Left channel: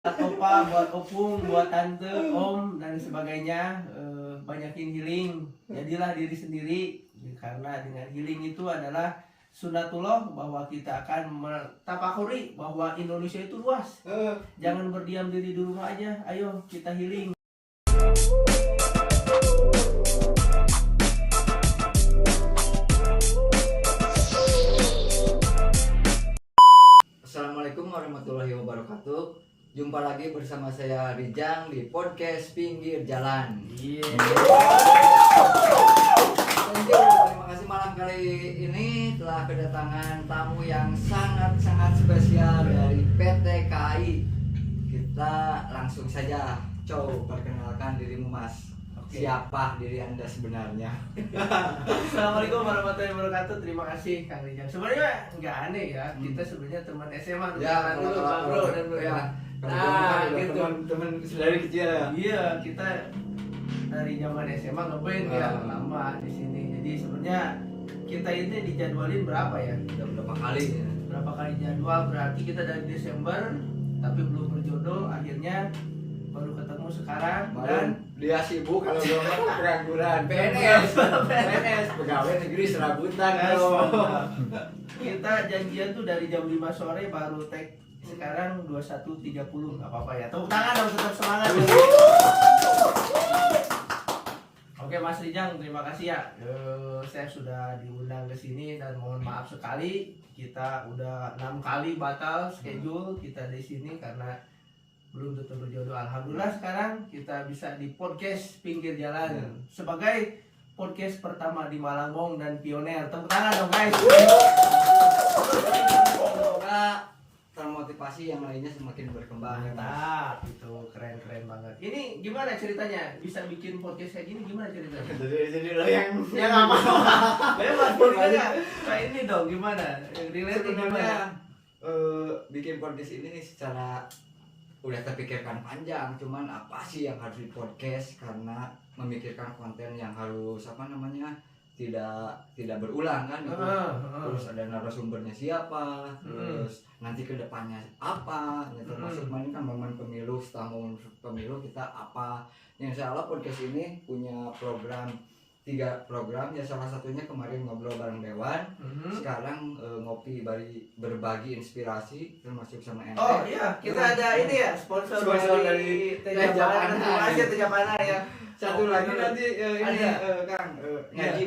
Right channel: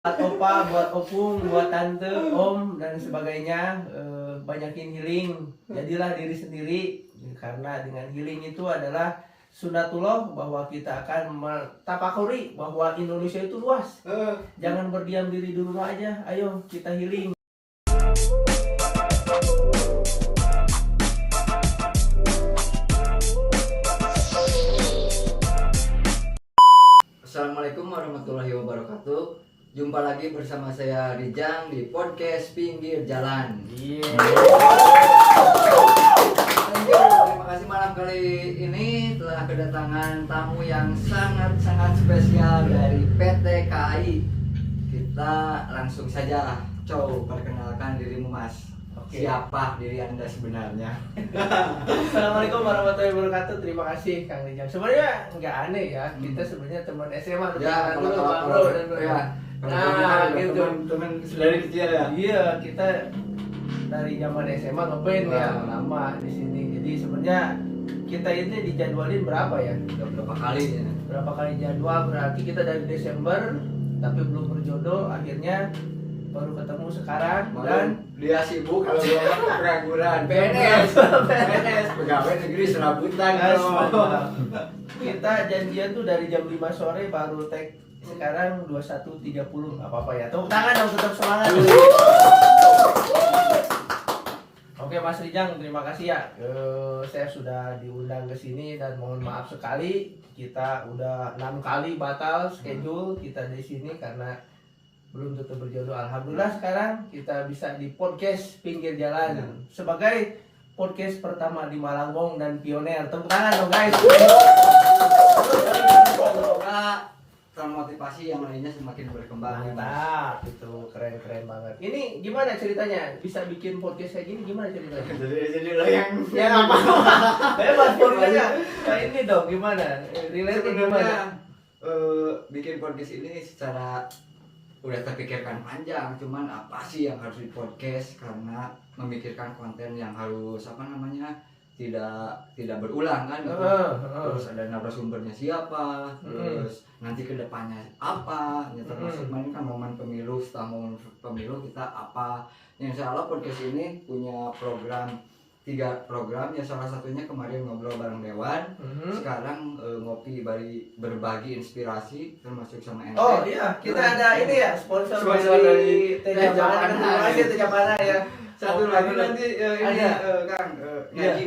buat opa, buat opung, buat tante, om dan sebagainya, banyakin healing. Jadilah diri sendiri, karena dengan healing itu adalah sunatullah, bahwa kita akan mentafakuri bahwa Indonesia itu luas. Jangan berdiam diri di rumah aja, ayo kita healing. Assalamualaikum warahmatullahi wabarakatuh. Jumpa lagi bersama saya Rijang di podcast Pinggir Jalan. Terima kasih malam kali ini telah kedatangan tamu yang sangat-sangat spesial dari PT KAI. Kita langsung saja perkenalkan dirimu, Mas. Oke. Siapa diri Anda sebenarnya? Assalamualaikum warahmatullahi wabarakatuh. Terima kasih Kang Rijam. Sebenarnya nggak aneh ya, kita sebenarnya teman SMA Ya, dulu, bro dan bro. ya. Nah, gitu. Teman dari kecil ya. Iya, kita dari zaman SMA ngeband ya, lama di sini. Jadi sebenarnya kita ini dijadwalin berapa ya? Udah berapa kali ya? Berapa kali jadwal, berarti kita dari Desember tapi belum berjodoh, akhirnya baru ketemu sekarang. Dan Dia sibuk kalau belum pengangguran PNS pegawai negeri serabutan. Kita janjian tuh dari jam 5 sore baru tag, sekarang 21.30. Nggak apa-apa ya, tepuk tangan dong, tetap semangat. Oke Mas Rijang, terima kasih ya. Saya sudah diundang ke sini dan mohon maaf sekali, kita udah 6 kali batal schedule kita di sini karena belum tentu berjodoh. Alhamdulillah sekarang kita bisa di podcast Pinggir Jalan sebagai podcast pertama di Malangbong dan pioner. Tepuk tangan dong guys. Semoga termotivasi yang lainnya semakin berkembang. Mantap, itu keren banget. Ini gimana ceritanya bisa bikin podcast kayak gini, gimana ceritanya? Jadi lo yang apa? Bebas politiknya. Nah ini dong gimana? Relate gimana? Bikin podcast ini secara udah terpikirkan panjang, cuman apa sih yang harus di podcast, karena memikirkan konten yang harus tidak berulang kan gitu. Terus ada narasumbernya siapa, terus nanti kedepannya apa, ya, termasuk kan momen pemilu, setelah momen pemilu kita apa. Yang insya Allah podcast ini punya tiga program ya, salah satunya kemarin ngobrol bareng Dewan, sekarang ngopi berbagi inspirasi termasuk sama ente. Oh iya, kita ada ini ya, sponsor dari Teh Japana. Terima kasih Teh Japana ya. Satu lagi nanti ini Kang, ngaji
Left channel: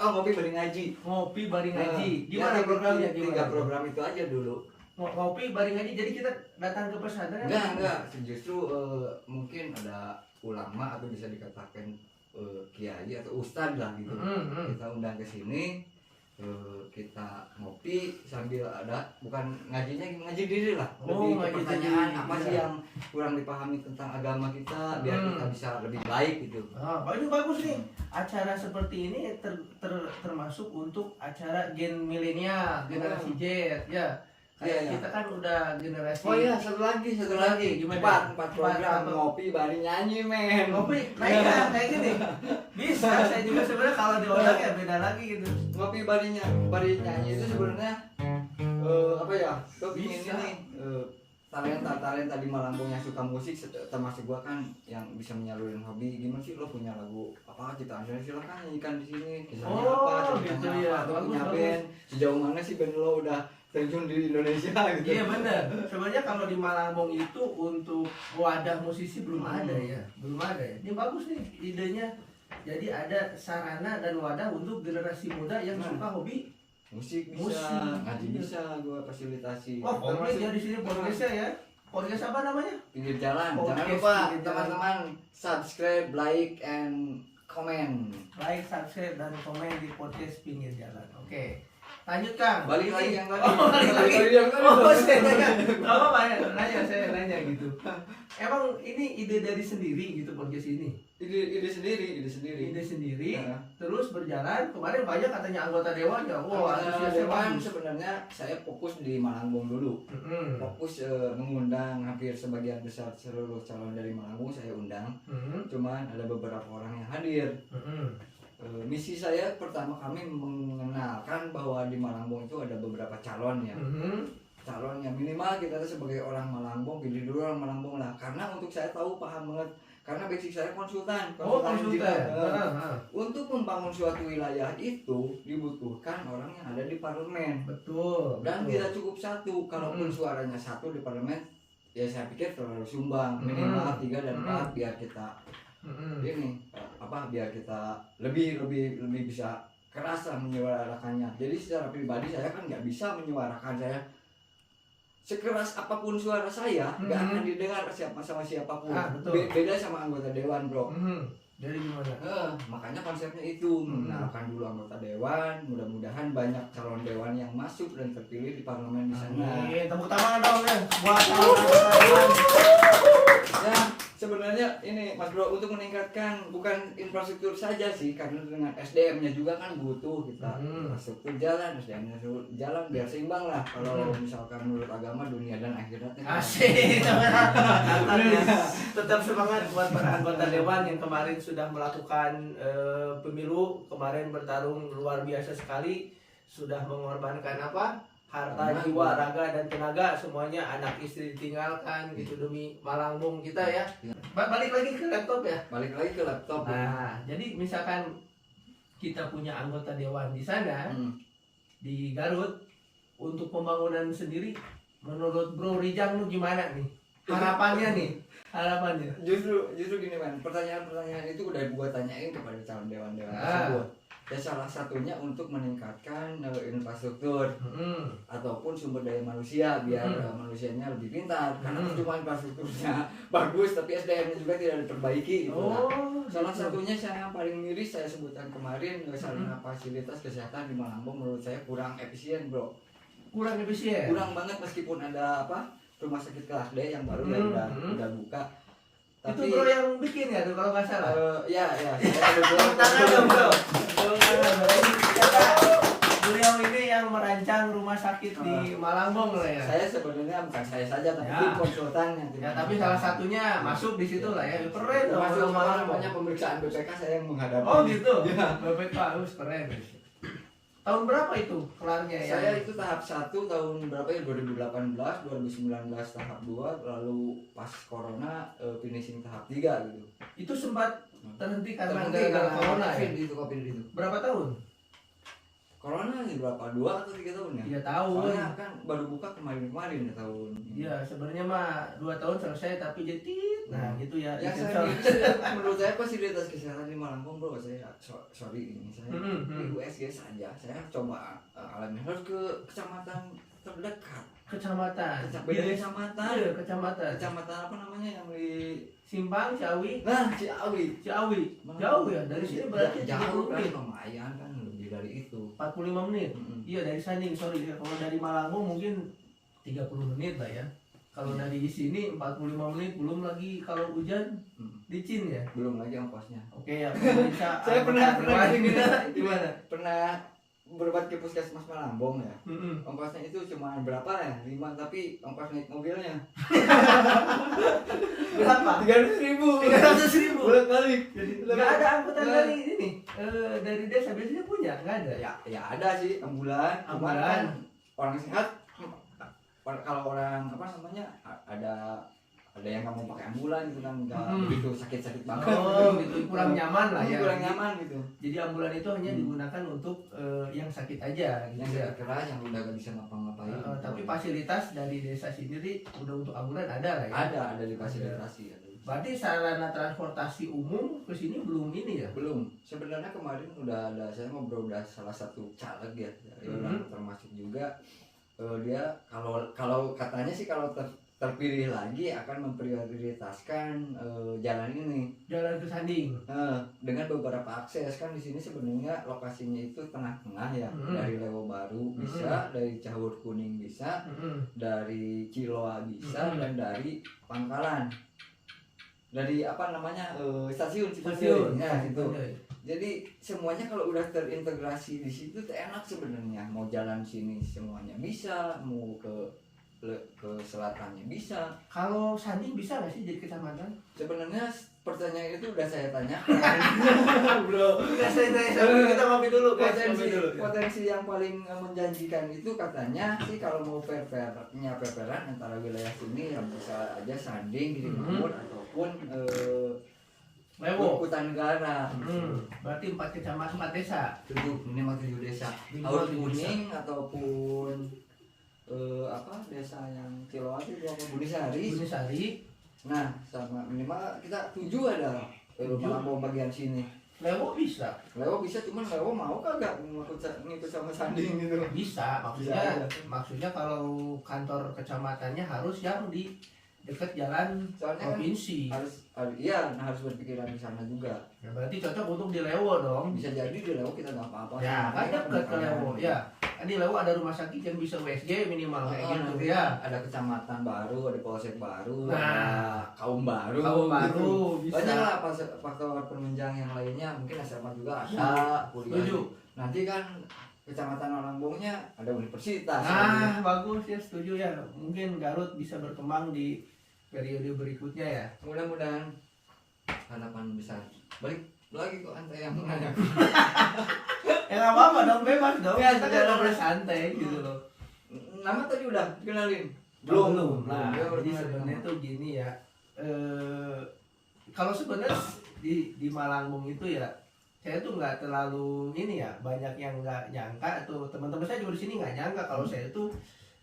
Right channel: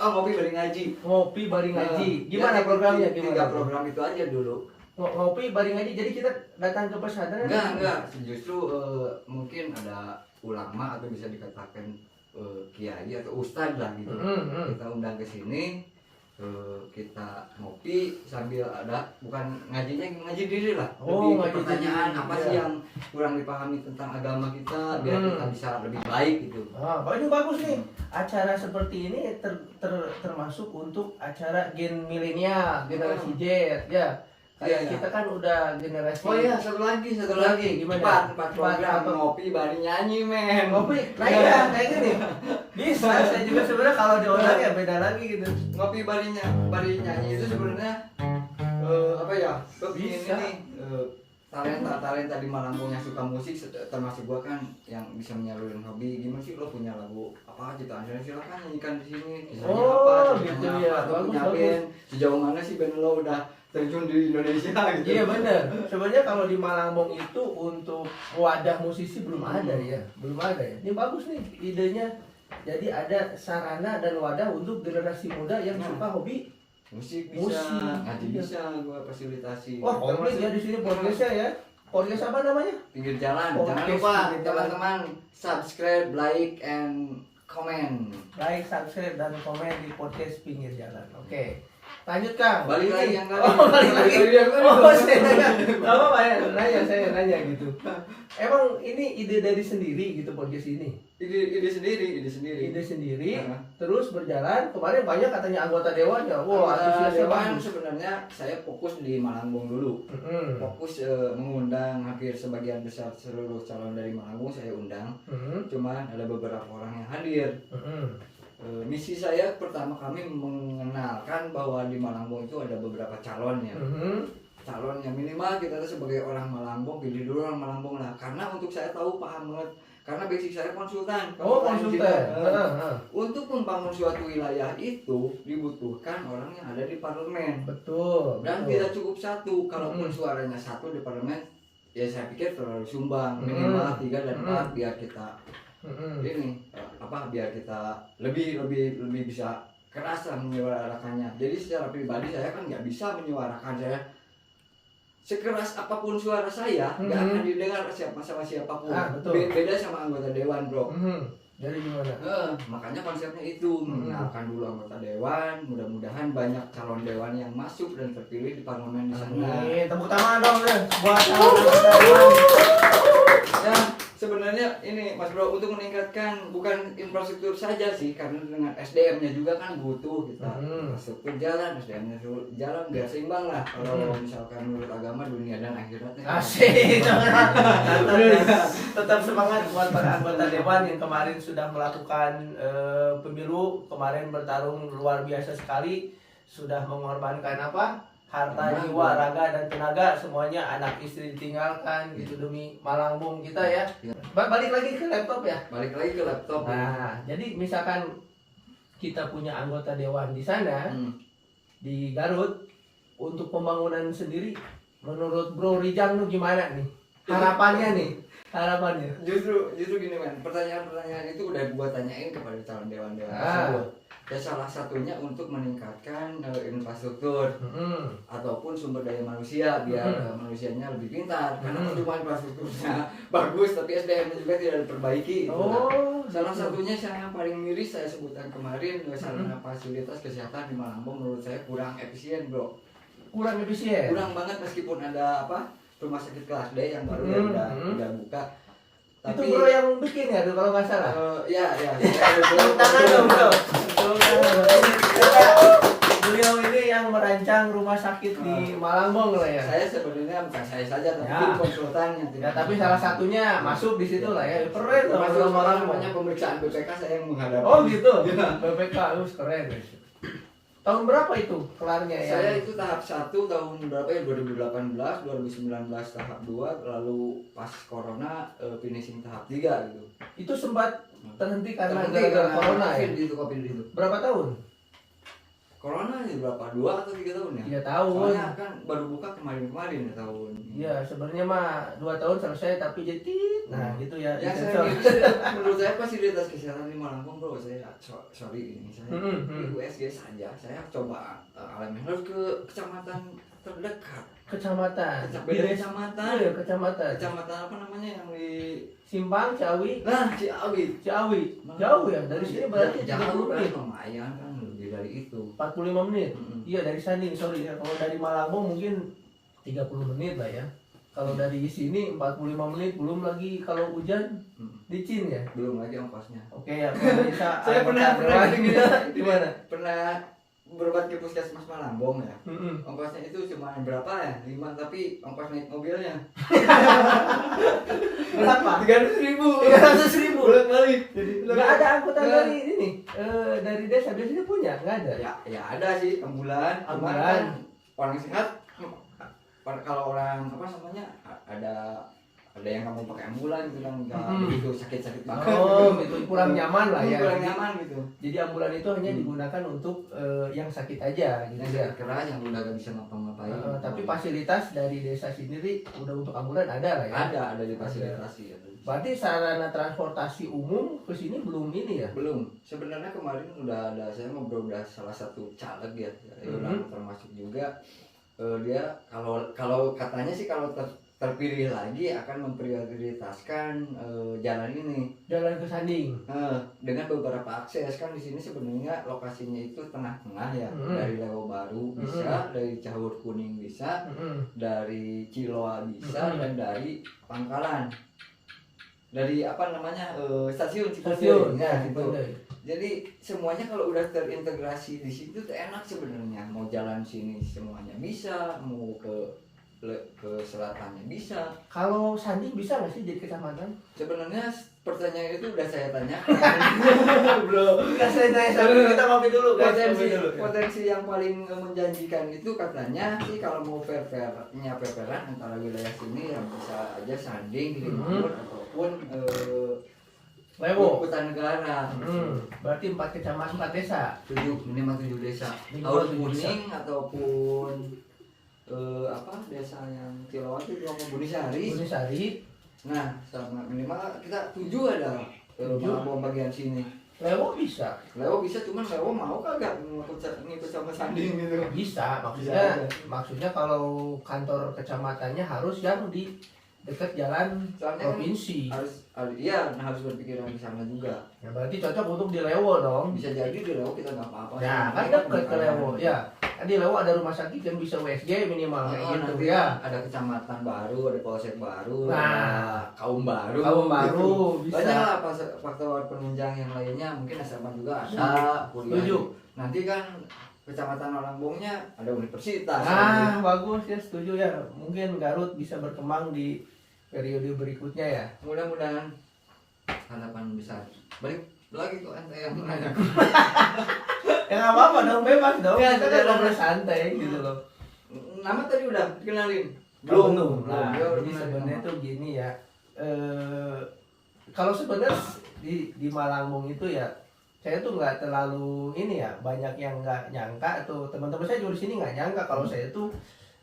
ngopi bari ngaji. Ngopi bari ngaji. Gimana programnya? Tiga program itu aja dulu. Ngopi bari ngaji, jadi kita datang ke pesantren? Enggak, justru mungkin ada ulama atau bisa dikatakan kiai atau ustad lah gitu. Kita undang ke sini, kita ngopi sambil ada, bukan ngaji diri lah, lebih ke pertanyaan apa sih yang kurang dipahami tentang agama kita, biar kita bisa lebih baik gitu. Bagus nih. Acara seperti ini termasuk untuk acara gen milenial, generasi Z ya. Kayak kita kan udah generasi. Oh iya, satu lagi. Gimana? Empat program ngopi bari nyanyi men. Ngopi, nah iya kayak gini. Bisa, saya juga sebenarnya kalau di orang ya beda lagi gitu. Ngopi bari nyanyi itu sebenarnya apa ya? Bisa ini talenta di Malangbong yang suka musik, termasuk gua kan yang bisa menyalurin hobi. Gimana sih lo punya lagu apa ciptaan sendiri, silakan nyanyikan di sini. Kisahnya apa? Gitu ya. Punya band. Sejauh mana sih band lo udah terjun di Indonesia gitu? Iya benar. Sebenarnya kalau di Malangbong itu untuk wadah musisi belum ada ya. Ini bagus nih idenya. Jadi ada sarana dan wadah untuk generasi muda yang suka hobi musik bisa, ngaji bisa gua fasilitasi. Wah, komplit ya di sini podcastnya ya. Podcast apa namanya? Pinggir Jalan. Podcast Jangan lupa Pinggir Jalan. teman-teman subscribe, like, and comment. Like, subscribe, dan komen di podcast Pinggir Jalan. Oke. Lanjut Kang. Balik lagi yang tadi. Balik lagi. Saya nanya. Saya nanya gitu. Emang ini ide dari sendiri gitu podcast ini? Ide sendiri. Terus berjalan. Kemarin banyak katanya anggota dewan ya. Wah, antusiasnya Dewan bagus. sebenarnya saya fokus di Malangbong dulu. Fokus mengundang hampir sebagian besar seluruh calon dari Malangbong saya undang. Cuman ada beberapa orang yang hadir. Misi saya pertama kami mengenalkan bahwa di Malangbong itu ada beberapa calon ya. calonnya, minimal kita tuh sebagai orang Malangbong pilih dulu orang Malangbong lah, karena untuk saya tahu paham banget, karena basic saya konsultan. Untuk membangun suatu wilayah itu dibutuhkan orang yang ada di parlemen. Betul. Dan tidak cukup satu, kalaupun suaranya satu di parlemen, ya saya pikir terlalu sumbang. Minimal 3 dan 4 biar kita ini biar kita lebih bisa keras lah menyuarakannya. Jadi secara pribadi saya kan nggak bisa menyuarakan saya sekeras apapun suara saya nggak akan didengar sama siapapun. Beda sama anggota dewan, bro. Jadi gimana? Makanya konsepnya itu mengenalkan dulu anggota dewan. Mudah-mudahan banyak calon dewan yang masuk dan terpilih di parlemen di sana. Tepuk tangan dong ya buat anggota dewan. Ya, sebenarnya ini Mas Bro, untuk meningkatkan bukan infrastruktur saja sih, karena dengan SDM-nya juga kan butuh kita. Infrastruktur jalan, SDM-nya jalan biar seimbang lah. Kalau misalkan menurut agama dunia dan akhiratnya. Asik. Tetap semangat buat para anggota dewan yang kemarin sudah melakukan pemilu, kemarin bertarung luar biasa sekali, sudah mengorbankan harta, jiwa, raga, dan tenaga, semuanya, anak istri ditinggalkan gitu demi Malangbong kita ya. Balik lagi ke laptop ya. Balik lagi ke laptop. Nah, jadi misalkan kita punya anggota dewan di sana di Garut untuk pembangunan sendiri, menurut Bro Rijang lu gimana nih? Harapannya. Justru gini man, pertanyaan itu udah gua tanyain kepada calon dewan-dewan tersebut. Ya salah satunya untuk meningkatkan infrastruktur ataupun sumber daya manusia biar manusianya lebih pintar. Karena cuma infrastrukturnya bagus tapi SDM-nya juga tidak diperbaiki. Salah satunya yang paling miris saya sebutkan kemarin, sarana fasilitas kesehatan di Malangbong menurut saya kurang efisien, bro. Kurang efisien. Kurang banget meskipun ada rumah sakit kelas D yang baru yang udah buka. Tapi, itu bro yang bikin ya kalau nggak salah. Ya. Tangan dong bro. Beliau ini yang merancang rumah sakit di Malangbong lah ya. Saya sebenarnya bukan saya saja tapi konsultan yang ya, tapi salah satunya masuk di situ lah ya. Keren tuh masuk Malangbong. namanya pemeriksaan BPK saya yang menghadapi. Oh gitu. BPK harus keren. Tahun berapa itu kelarnya ya? Saya itu tahap 1 tahun berapa ya? 2018, 2019 tahap 2, lalu pas corona finishing tahap 3 gitu. Itu sempat terhenti karena corona ya? COVID itu. Berapa tahun? Corona ini berapa? 2 atau 3 tahun ya? 3 tahun. Soalnya kan baru buka kemarin ya tahun. Iya, sebenarnya mah 2 tahun selesai tapi jadi nah gitu ya. Ya menurut saya fasilitas kesehatan di Malangbong, bro, saya sorry ini saya di USG saja. Saya coba alami harus ke kecamatan terdekat. Kecamatan. Beda kecamatan. Iya, kecamatan. Kecamatan apa namanya yang di Simpang Ciawi. Nah, Ciawi. Jauh ya dari sini berarti jauh kan lumayan kan lebih dari itu. 45 menit. Iya dari Sanding, sorry ya. Kalau dari Malangbong mungkin 30 menit lah ya. Kalau dari sini 45 menit, belum lagi kalau hujan licin ya. Belum lagi ongkosnya. Oke ya, bisa. Saya pernah gimana? Pernah berobat ke puskesmas Malangbong ya. Ongkosnya itu cuma berapa ya? 5 tapi ongkos naik mobilnya. Berapa? 300.000. 300.000. Bolak-balik. Jadi nggak ada angkutan dari ini dari desa biasanya punya nggak ada? Ya ada sih ambulan. Kan orang sehat. Kalau orang apa namanya ada yang nggak mau pakai ambulan gitu kan nggak begitu sakit banget. Oh gitu kurang nyaman lah ya. Kurang nyaman gitu. Jadi ambulan itu hanya digunakan untuk yang sakit aja gitu ya. Keras yang udah gak bisa ngapa-ngapain. Tapi fasilitas dari desa sendiri udah untuk ambulan ada lah ya. Ada difasilitasi. Berarti sarana transportasi umum ke sini belum ini ya? Belum. Sebenarnya kemarin udah ada saya ngobrol udah salah satu caleg ya, termasuk juga dia kalau katanya sih kalau terpilih lagi akan memprioritaskan jalan ini. Jalan ke Sanding. Dengan beberapa akses kan di sini sebenarnya lokasinya itu tengah-tengah ya. Dari Lewo Baru bisa, dari Cahur Kuning bisa, dari Ciloa bisa, dan dari Pangkalan. Dari apa namanya stasiun ya gitu. Jadi semuanya kalau udah terintegrasi di situ tuh enak sebenarnya. Mau jalan sini semuanya bisa, mau ke ke selatannya bisa. Kalau Sandi bisa nggak sih jadi kecamatan? Sebenarnya pertanyaan itu udah saya tanya. Bro, nggak selesai, kita mampir dulu guys. Potensi yang paling menjanjikan itu katanya sih kalau mau fair-fairan antara wilayah sini yang bisa aja Sanding, Girimangun ataupun Lewo. Hutanegara. Berarti 4 kecamatan 4 desa. Minimal 7 desa. Minimal Haur 7 desa. Kuning ataupun desa yang Cilowati itu mau Bunisari. Nah, sama minimal kita 7 ada Malambong bagian sini. Lewo bisa. Lewo bisa, cuman Lewo mau kagak ngikut sama Sanding gitu. Bisa, maksudnya kalau kantor kecamatannya harus yang di dekat jalan Soalnya provinsi. harus berpikiran di sana juga. Ya, berarti cocok untuk di Lewo dong. Bisa jadi di Lewo kita nggak apa-apa. Ya, kan dekat ke Lewo. Ya, di Lewo ada rumah sakit yang bisa USG minimal kayak gitu nanti ya. Ada kecamatan baru, ada polsek baru, Nah, ada kaum baru. Gitu. Bisa. Banyak lah faktor penunjang yang lainnya. Mungkin SMA juga ada, kuliah. Setuju. Nanti kan kecamatan Malangbongnya ada universitas. Nah, bagus ya, setuju ya. Mungkin Garut bisa berkembang di periode berikutnya ya. Mudah-mudahan harapan besar. Balik lagi kok ente yang nanya. Ya nggak apa-apa dong, bebas dong. Ya, Kita kan ngobrol santai gitu loh. Nama tadi udah dikenalin? Belum. Nah, Ya, jadi sebenarnya tuh gini ya. Kalau sebenarnya di Malangbong itu ya, saya tuh nggak terlalu ini ya, banyak yang nggak nyangka atau teman-teman saya juga di sini nggak nyangka kalau saya tuh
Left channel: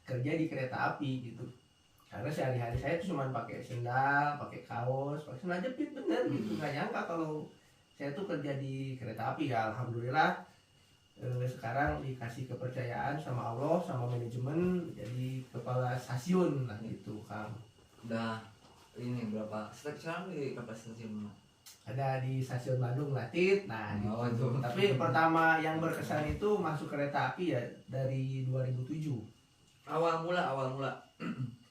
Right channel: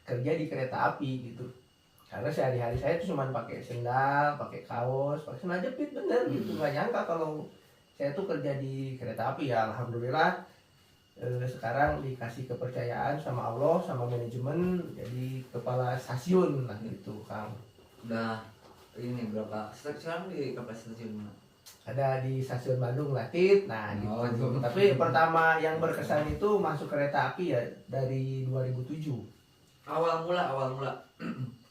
kerja di kereta api gitu. Karena sehari-hari saya tuh cuma pakai sendal, pakai kaos, pakai sendal jepit bener gitu. Nggak nyangka kalau saya tuh kerja di kereta api ya. Alhamdulillah sekarang dikasih kepercayaan sama Allah, sama manajemen jadi kepala stasiun lah gitu Kang. Udah ini berapa? Sekarang di kapal stasiun mana? Ada di stasiun Bandung Latit. Nah gitu. Oh, itu. Tapi pertama yang berkesan itu masuk kereta api ya dari 2007. Awal mula.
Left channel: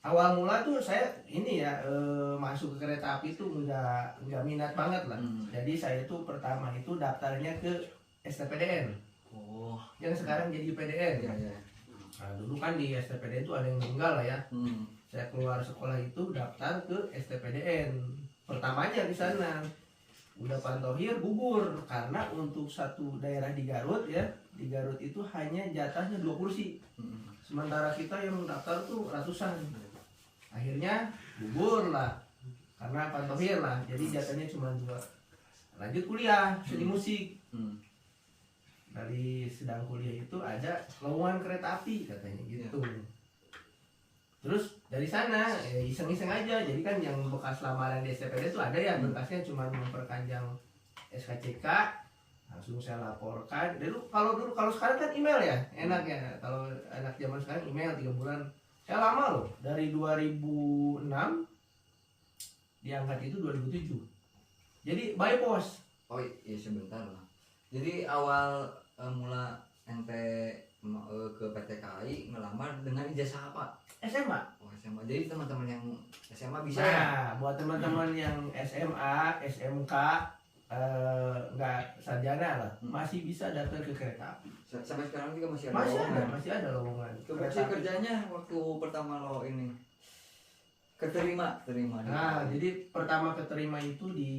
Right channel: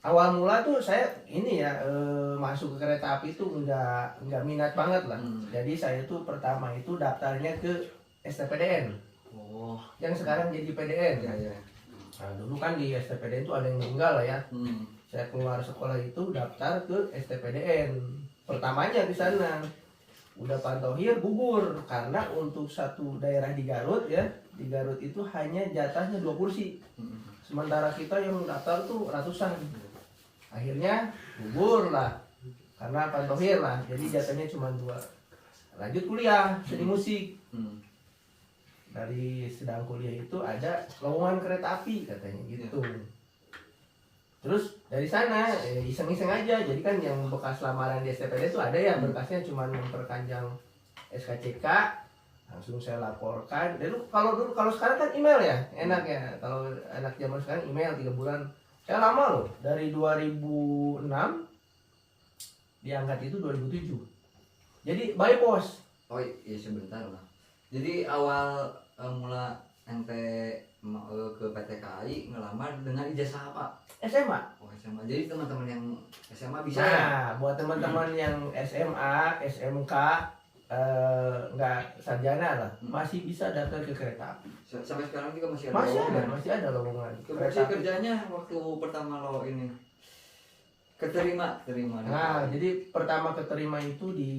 Awal mula tuh saya ini ya masuk ke kereta api itu nggak minat banget lah. Jadi saya tuh pertama itu daftarnya ke STPDN. Oh, yang sekarang jadi PDN. ya. Nah, dulu kan di STPDN itu ada yang meninggal lah ya. Saya keluar sekolah itu daftar ke STPDN. Pertamanya di sana udah Pantohir gugur karena untuk satu daerah di Garut ya, di Garut itu hanya jatahnya 2 kursi. Sementara kita yang daftar tuh ratusan. Akhirnya gugur lah karena Pantohir lah, jadi jatahnya cuma 2. Lanjut kuliah seni musik. Dari sedang kuliah itu ada lowongan kereta api katanya gitu. Terus dari sana iseng-iseng aja. Jadi kan yang bekas lamaran di STPD itu ada ya berkasnya cuma memperpanjang SKCK, langsung saya laporkan. Kalau sekarang kan email ya, enak ya. Kalau anak zaman sekarang email 3 bulan. Saya lama loh, dari 2006 diangkat itu 2007. Jadi by post. Oh iya sebentar lah. Jadi awal mula ente ke PT KAI ngelamar dengan ijazah apa? SMA. Oh SMA. Jadi teman-teman yang SMA bisa Nah, buat teman-teman yang SMA, SMK nggak sarjana lah, masih bisa daftar ke kereta api. Sampai sekarang juga masih ada. Masih ada lowongan. Kerja kerjanya waktu pertama lo ini keterima. Nah, jadi pertama keterima itu di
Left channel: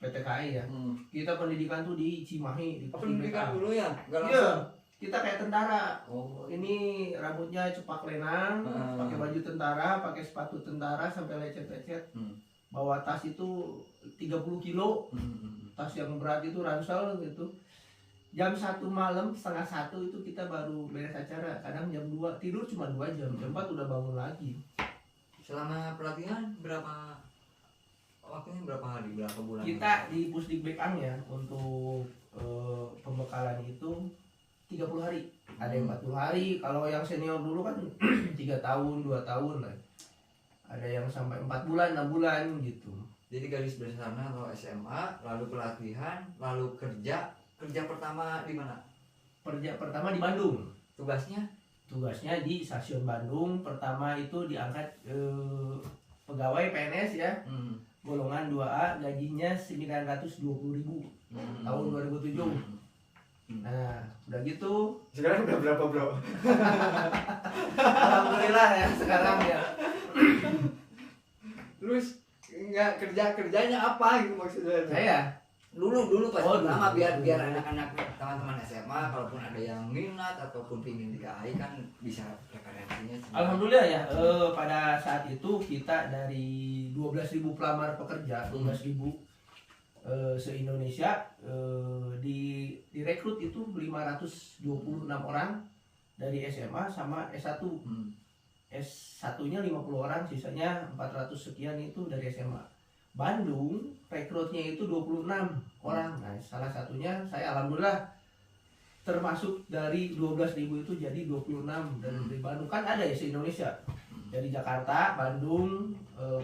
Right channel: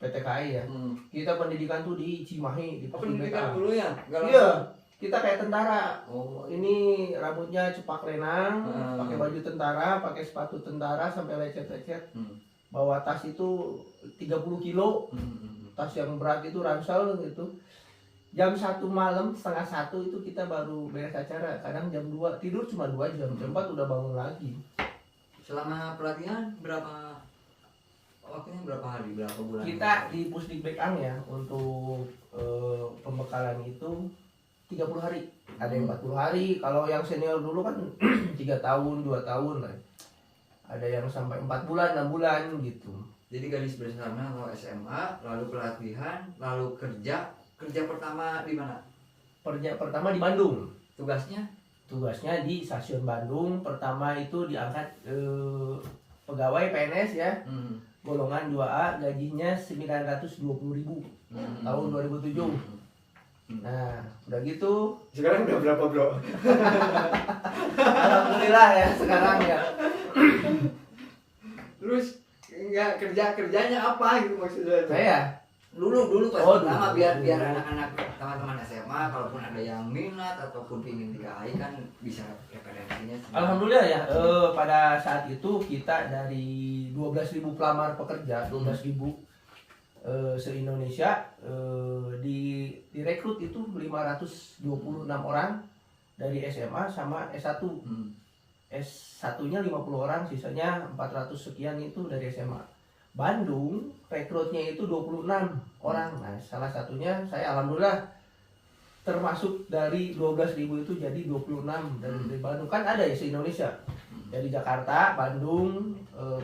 PT KAI ya. Kita pendidikan tuh di Cimahi di pendidikan dulu ya? Iya, kita kayak tentara. Oh, ini rambutnya cepak lenang, pakai baju tentara, pakai sepatu tentara sampai lecet-lecet. Bawa tas itu 30 kilo, tas yang berat itu ransel gitu. Jam 1 malam, setengah 1 itu kita baru beres acara. Kadang jam 2, tidur cuma 2 jam, jam 4 udah bangun lagi. Selama pelatihan waktunya berapa hari, berapa bulan? Kita di Pusdikbek ya untuk pembekalan itu 30 hari. Ada yang 40 hari, kalau yang senior dulu kan 3 tahun, 2 tahun lah. Ada yang sampai 4 bulan, 6 bulan gitu. Jadi garis besarnya lo SMA, lalu pelatihan, lalu kerja pertama di mana? Kerja pertama di Bandung. Tugasnya di stasiun Bandung. Pertama itu diangkat pegawai PNS ya. Golongan 2A, gajinya 920.000 tahun 2007. Nah, udah gitu Sekarang udah berapa bro? alhamdulillah ya sekarang ya. Terus nggak kerjanya apa gitu maksudnya? Saya Dulu pas Oh, pertama dulu. biar anak-anak teman-teman SMA kalaupun ada yang minat ataupun ingin DKI kan bisa referensinya. alhamdulillah ya, pada saat itu kita dari 12.000 pelamar pekerja, 12.000 se-Indonesia, direkrut itu 526 orang dari SMA sama S1. S1-nya 50 orang, sisanya 400 sekian itu dari SMA. Bandung rekrutnya itu 26 orang. Nah, salah satunya saya alhamdulillah termasuk dari 12.000 itu jadi 26 dari Bandung. Kan ada ya se-Indonesia. Dari Jakarta, Bandung,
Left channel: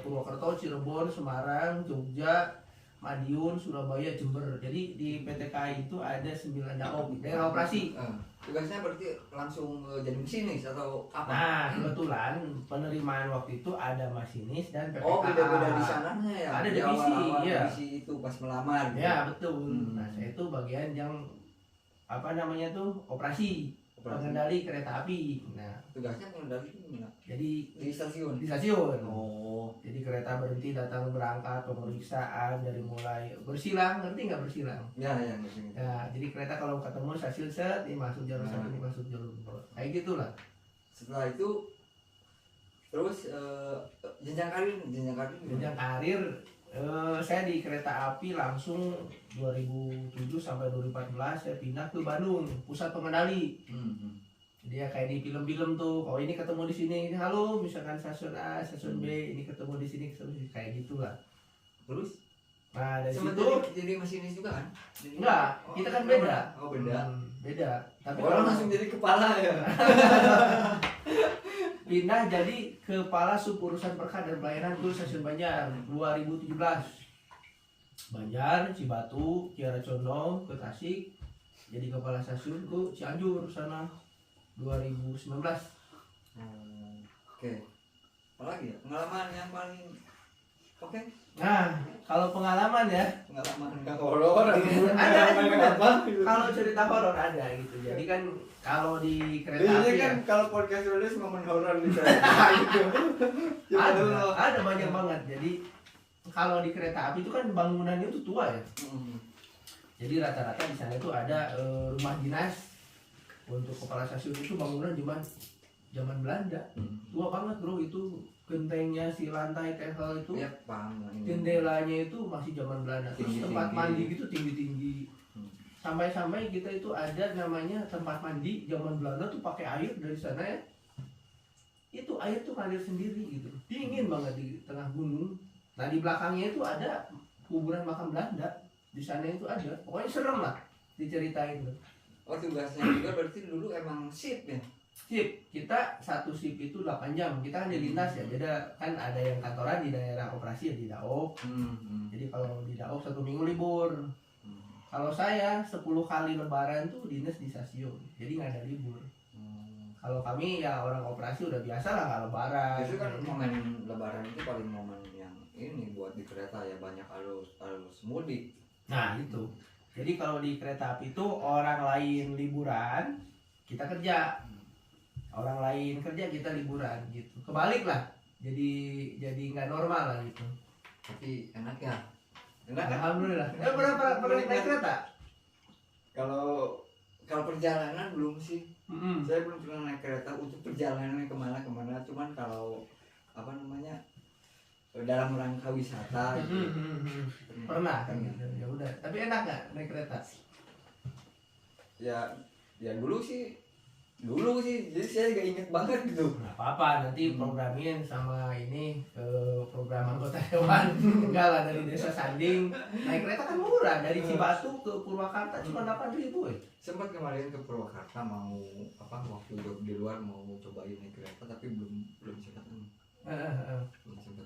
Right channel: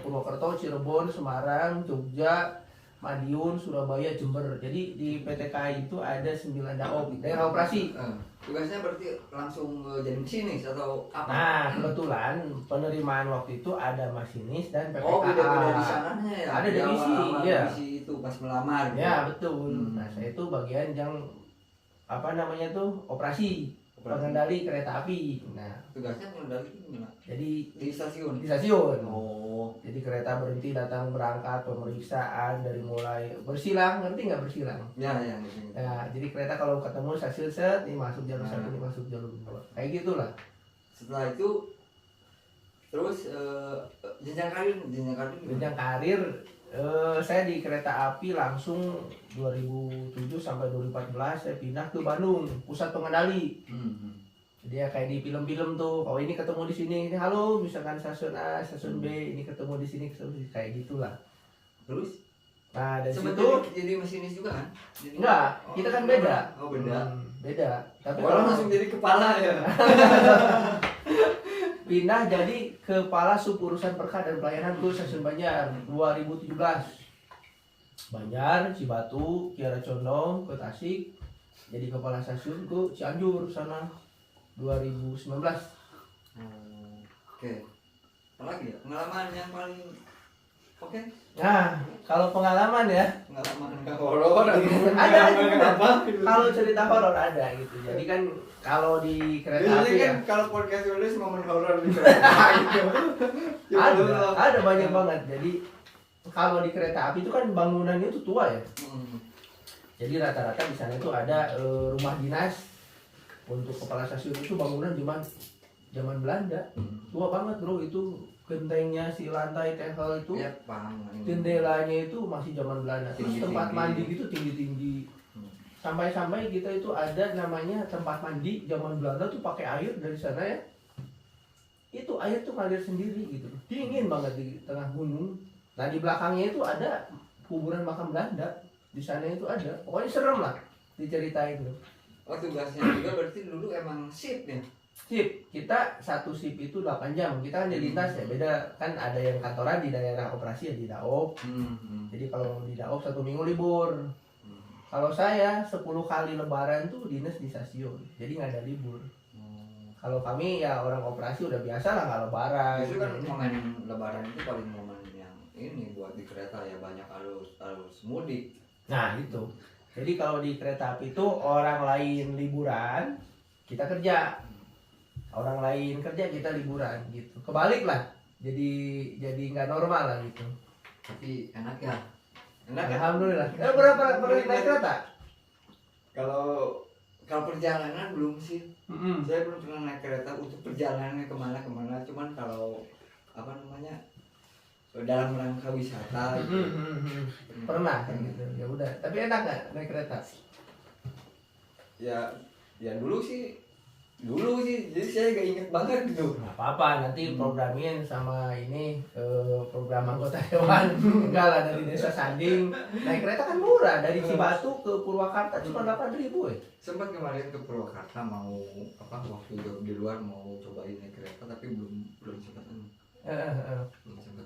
Purwokerto, Cirebon, Semarang, Jogja, Madiun, Surabaya, Jember. Jadi di PTKI itu ada 9 daob, daerah operasi. Tugasnya berarti langsung jadi masinis atau apa? Nah, kebetulan penerimaan waktu itu ada masinis dan PPKA. Oh, beda-beda di sananya ya? Ada Di divisi, awal-awal iya. divisi itu pas melamar gitu. Ya, betul. Nah, saya itu bagian yang apa namanya tuh operasi, pengendali kereta api. Nah, Tugasnya mengendali itu gimana? jadi Di stasiun? di stasiun. Oh. Jadi kereta berhenti, datang, berangkat, pemeriksaan dari mulai bersilang, ngerti nggak bersilang? Ya, gitu. Ya, jadi kereta kalau ketemu stasiun set, ini masuk jalur satu, ini masuk jalur dua. Kayak gitulah. Setelah itu terus jenjang karir Jenjang karir, saya di kereta api langsung 2007 sampai 2014 saya pindah ke Bandung, pusat pengendali. Jadi ya kayak di film-film tuh, kalau ini ketemu di sini, ini halo, misalkan stasiun A, stasiun B, ini ketemu di sini, kayak gitulah. Terus Nah dari sempat situ jadi masinis juga kan? enggak, kita kan beda. Oh, beda. Beda. Tapi Kalau langsung jadi kepala ya. pindah jadi kepala sub urusan perka dan pelayanan ke stasiun Banjar 2017. Banjar, Cibatu, Kiara Condong, ke Tasik. Jadi kepala stasiun ke Cianjur sana 2019. Oke. Apalagi ya? Pengalaman yang paling oke? Nah, kalau pengalaman ya, Pengalaman horor ada apa? kalau cerita horor ada gitu. Jadi kan kalau di kereta Biasanya api kan ya, kalau podcast tulis momen horor di kereta gitu. ada banyak banget. Jadi kalau di kereta api itu kan bangunannya itu tua ya. Jadi rata-rata di sana itu ada rumah dinas untuk kepala stasiun itu bangunan zaman Belanda. Tua banget bro, itu gentengnya si lantai tehel itu, Ya, paham. jendelanya itu masih zaman Belanda. Terus Tinggi-tinggi. tempat mandi gitu tinggi-tinggi. Sampai-sampai kita itu ada namanya tempat mandi zaman Belanda tuh pakai air dari sana ya. Itu air tuh ngalir sendiri gitu. Dingin banget di tengah gunung. Nah di belakangnya itu ada kuburan makam Belanda. Di sana itu ada. Pokoknya serem lah diceritain tuh. Oh, tugasnya juga berarti dulu emang shift ya? Sip, kita satu sip itu 8 jam. Kita kan di lintas ya, beda kan ada yang kantoran di daerah operasi ya di Daop. Jadi kalau di Daop 1 minggu libur. Kalau saya 10 kali lebaran tuh dinas di stasiun. Jadi nggak ada libur. Kalau kami ya orang operasi udah biasa lah nggak lebaran. Itu kan momen lebaran itu paling momen yang ini buat di kereta ya, banyak arus mudik. Nah itu. Jadi kalau di kereta api itu orang lain liburan, kita kerja. Orang lain kerja, kita liburan gitu. Kebalik lah. Jadi nggak normal lah gitu. Tapi enak ya? Enak kan? Alhamdulillah. Berapa pernah naik kereta? Kalau perjalanan belum sih. Saya belum pernah naik kereta untuk perjalanan kemana. Cuman kalau apa namanya, dalam rangka wisata gitu. Pernah kan gitu. Ya udah. Tapi enak nggak naik kereta? Ya dulu sih, jadi saya gak inget banget gitu. Nggak apa-apa, nanti programin sama ini ke program anggota dewan. Enggak lah, dari desa Sanding naik kereta kan murah, dari Cibatu ke Purwakarta cuma 8.000 ya. Sempat kemarin ke Purwakarta mau waktu di luar mau cobain naik kereta tapi belum sempat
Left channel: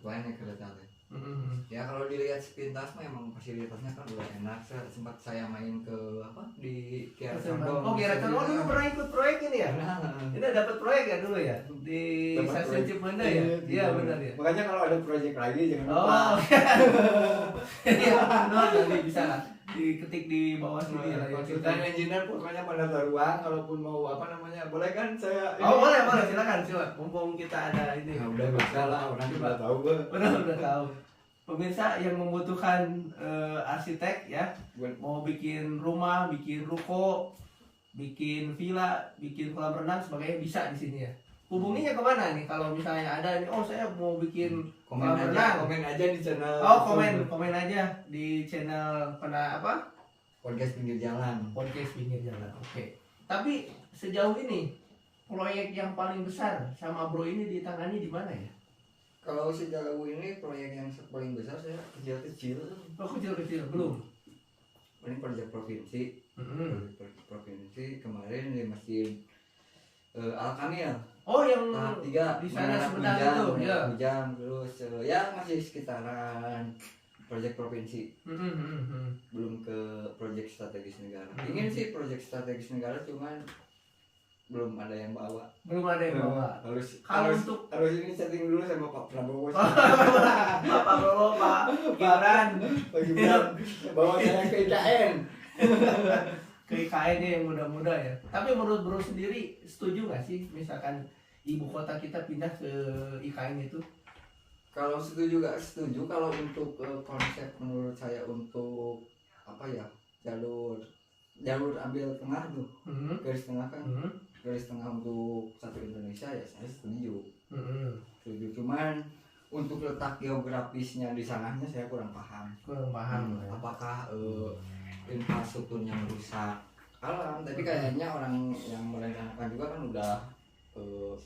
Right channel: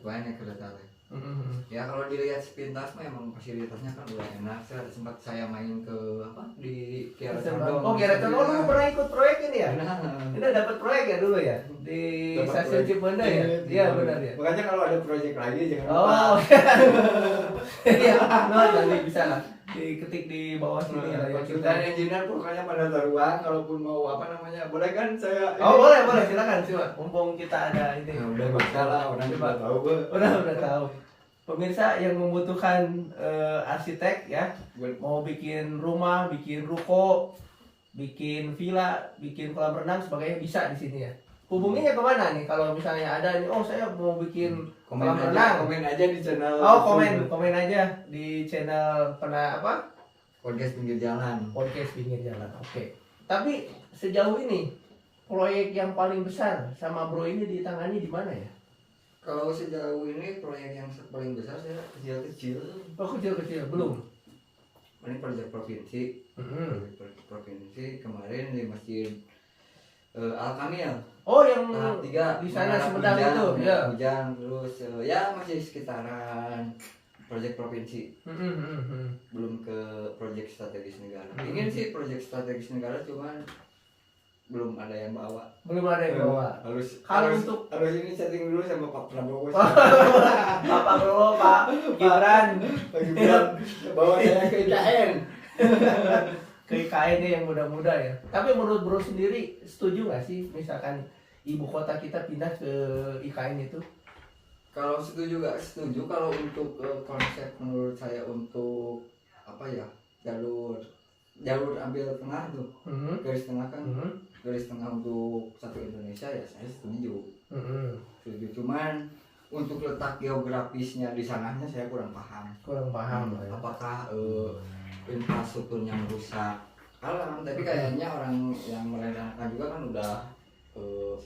naik kereta teh. Ya kalau dilihat sepintas mah emang fasilitasnya kan udah enak. Saya main ke di Kiara Condong. Oh, Kiara Condong, lu pernah ikut proyek ini ya? Nah, Ini dapat proyek ya dulu ya di stasiun Cipenda ya? Iya benar ya. Makanya kalau ada proyek lagi jangan lupa. Oh, iya, no, tadi bisa lah. diketik di bawah sini lah ya kita. Konsultan engineer pokoknya pada taruhan, kalaupun mau apa namanya, boleh kan saya? Oh boleh silakan coba. Mumpung kita ada ini. Nah, udah bakal lah, orang Coba. juga tahu gue. Udah tahu. Pemirsa yang membutuhkan arsitek ya, mau bikin rumah, bikin ruko, bikin villa, bikin kolam renang sebagainya bisa di sini ya. Hubunginya kemana nih kalau misalnya ada nih, oh saya mau bikin kolam renang. Komen aja di channel. Oh komen aja di channel apa? Podcast pinggir jalan. Podcast pinggir jalan. Oke. Tapi sejauh ini proyek yang paling besar sama bro ini ditangani di mana ya? Kalau sejauh ini proyek yang paling besar saya kecil-kecil. Oh kecil-kecil belum. Ini proyek provinsi. Proyek provinsi kemarin di Masjid Al Kamil. Oh yang Tahap 3 di sana Sumedang itu ya. Hujan terus ya masih sekitaran proyek provinsi. Belum ke proyek strategis negara. Ingin sih proyek strategis negara cuman belum ada yang bawa. Belum ada yang bawa. Harus ini chatting dulu sama Pak Prabowo. Pak Prabowo, Pak Gibran. Bawa saya ke IKN. Ke IKN yang muda-muda ya. Tapi menurut bro sendiri setuju nggak sih misalkan ibu kota kita pindah ke IKN itu? Kalau setuju nggak setuju, kalau untuk konsep menurut saya untuk apa ya, jalur ambil tengah tuh, garis tengah kan, garis tengah untuk satu Indonesia ya saya setuju. Setuju, cuman untuk letak geografisnya di sananya saya kurang paham. Ya. Apakah infrastrukturnya rusak alam, tapi kayaknya orang yang merencanakan juga kan udah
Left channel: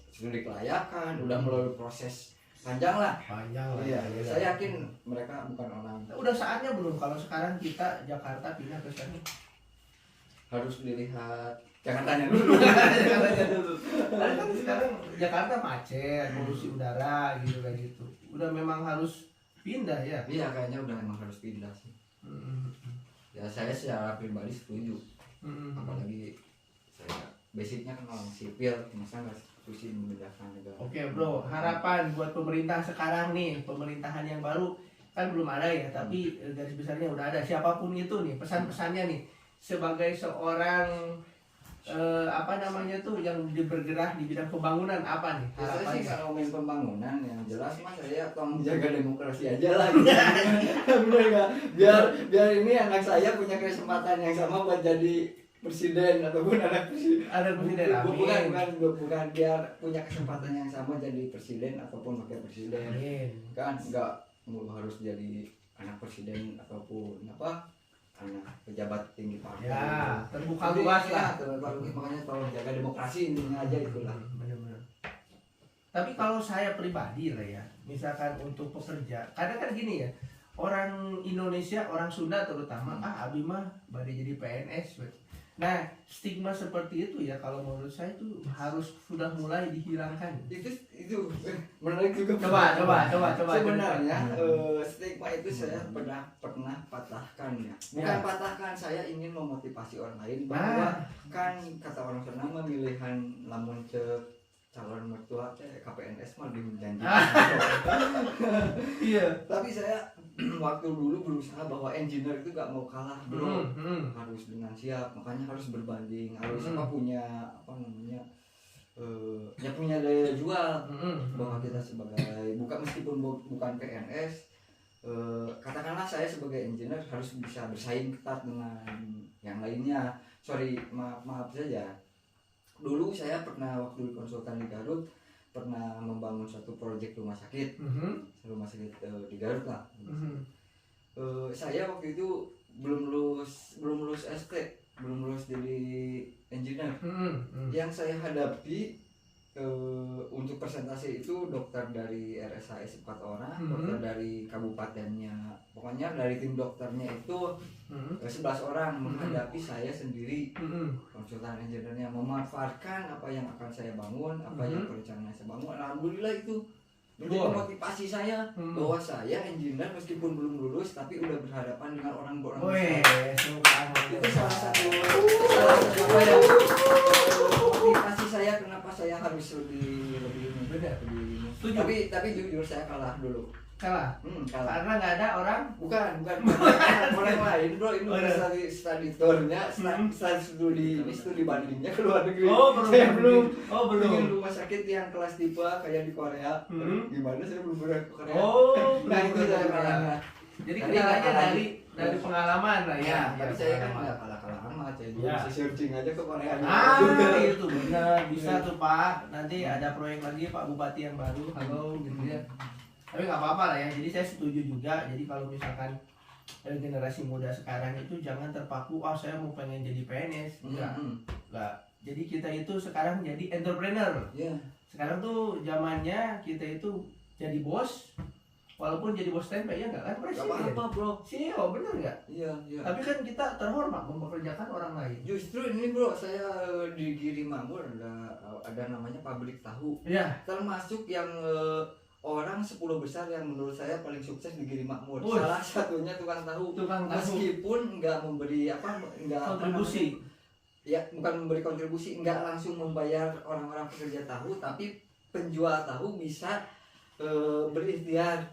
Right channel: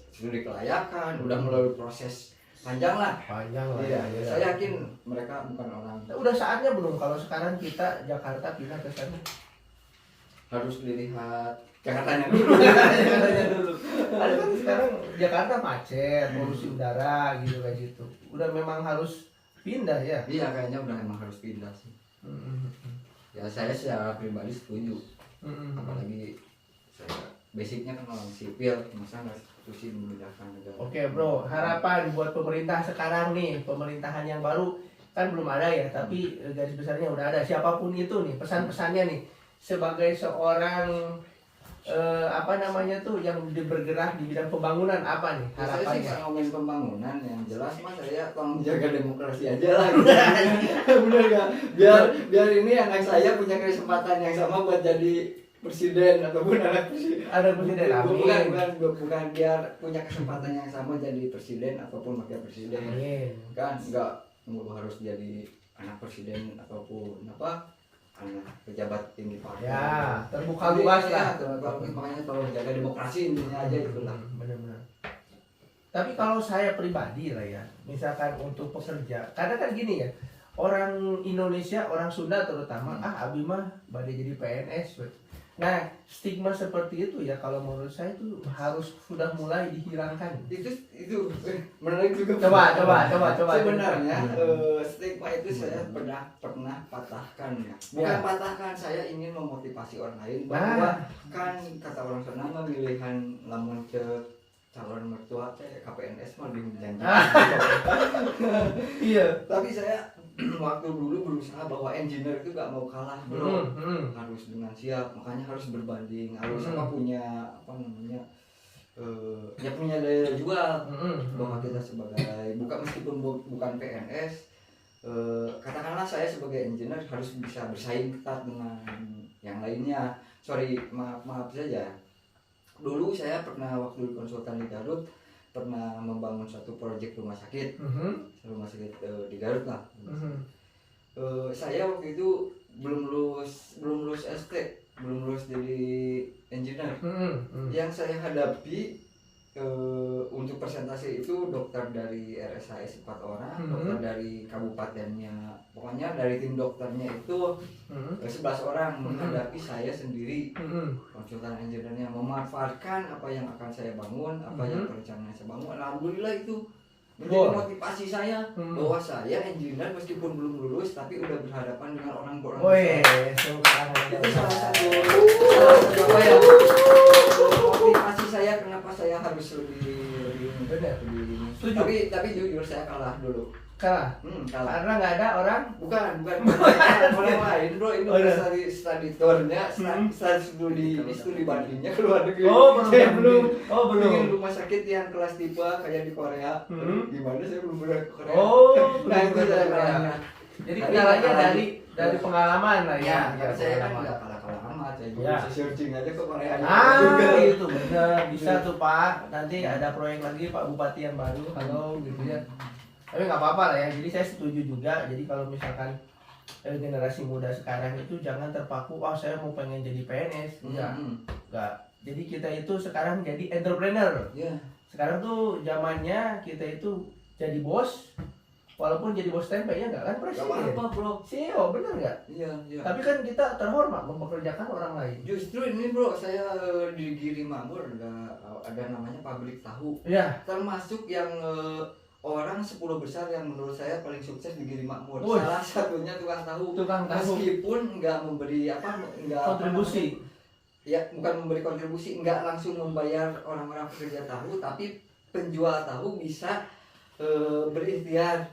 studi kelayakan, udah melalui proses panjang lah. Iya. Saya yakin mereka bukan orang. Udah saatnya belum kalau sekarang kita Jakarta pindah ke sana? Harus dilihat Jakartanya dulu. Ada kan sekarang Jakarta macet, polusi udara gitu kayak gitu. Udah memang harus pindah ya? Iya kayaknya udah memang harus pindah sih. Ya saya secara pribadi setuju. Apalagi saya basicnya kan orang sipil, masa nggak pusing membedakan negara. Oke bro, harapan buat pemerintah sekarang nih, pemerintahan yang baru kan belum ada ya, tapi garis besarnya udah ada. Siapapun itu nih, pesan-pesannya nih sebagai seorang apa namanya tuh yang bergerak di bidang pembangunan apa nih Saya sih harapannya? nggak ngomongin pembangunan, yang jelas mas saya tolong jaga demokrasi aja lah. Bener nggak? Biar ini anak saya punya kesempatan yang sama buat jadi presiden ataupun anak presiden. Ada presiden, amin. Bukan biar punya kesempatan yang sama jadi presiden ataupun wakil presiden. Amin. Kan nggak harus jadi anak presiden ataupun apa anak pejabat tinggi partai. Ya, terbuka luas lah. Makanya tolong jaga demokrasi intinya aja itulah. Benar-benar. Tapi kalau saya pribadi lah ya, misalkan untuk pekerja, kadang kan gini ya, orang Indonesia, orang Sunda terutama, abi mah badai jadi PNS. Nah, stigma seperti itu ya kalau menurut saya itu harus sudah mulai dihilangkan. Itu menarik juga. Coba. Sebenarnya stigma itu saya pernah patahkan ya. Bukan patahkan, saya ingin memotivasi orang lain bahwa kan kata orang Sunda memilihan lamun cek calon mertua KPNS mah lebih menjanjikan. Iya. Tapi saya waktu dulu berusaha bahwa engineer itu gak mau kalah bro. Harus dengan siap, makanya harus berbanding, harus punya apa namanya ya punya daya jual bahwa kita sebagai meskipun bukan PNS, katakanlah saya sebagai engineer harus bisa bersaing ketat dengan yang lainnya. Maaf saja. Dulu saya pernah waktu konsultan di Garut pernah membangun satu proyek rumah sakit di Garut lah. Saya waktu itu belum lulus ST, belum lulus jadi engineer. Yang saya hadapi untuk presentasi itu dokter dari RSHS 4 orang, dokter dari kabupatennya, pokoknya dari tim dokternya itu 11 orang menghadapi saya sendiri, konsultan engineer-nya, memanfaatkan apa yang akan saya bangun, apa yang perencanaan saya bangun. Alhamdulillah itu menjadi motivasi saya bahwa saya engineer meskipun belum lulus tapi udah berhadapan dengan orang-orang besar. Itu salah satu apa ya, motivasi saya kenapa saya harus lebih benar. Tapi jujur saya kalah dulu. Kalah. Kalah. Karena nggak ada orang. Bukan orang lain bro, ini Oh, udah. study tournya, studi bandingnya ke luar negeri. Oh, belum. Saya belum. Belum. Bikin rumah sakit yang kelas tipe kayak di Korea. Gimana saya belum pernah ke Korea. Oh, nah itu belum. saya bayangkan. Jadi Tadi kendalanya kalah dari pengalaman lah ya. Tapi saya kan pengalaman. nggak kalah amat, saya juga Ya. bisa searching aja ke Korea. Itu bener, bisa tuh Pak. Nanti ada proyek lagi Pak Bupati yang baru, halo gitu ya. Tapi nggak apa-apa lah ya. Jadi saya setuju juga. Jadi kalau misalkan generasi muda sekarang itu jangan terpaku, saya mau pengen jadi PNS, enggak. Jadi kita itu sekarang jadi entrepreneur. Iya. Sekarang tuh zamannya kita itu jadi bos, walaupun jadi bos tempe ya enggak kan Gak presiden. apa-apa bro. CEO bener nggak? Iya. Tapi kan kita terhormat mempekerjakan orang lain. Justru ini bro, saya di Giri Makmur ada namanya pabrik tahu. Iya. Termasuk yang orang 10 besar yang menurut saya paling sukses di Giri Makmur. Wih. Salah satunya tukang tahu. Tukang tahu. Meskipun nggak memberi Kontribusi. Ya bukan memberi kontribusi, nggak langsung membayar orang-orang pekerja tahu, tapi penjual tahu bisa berikhtiar,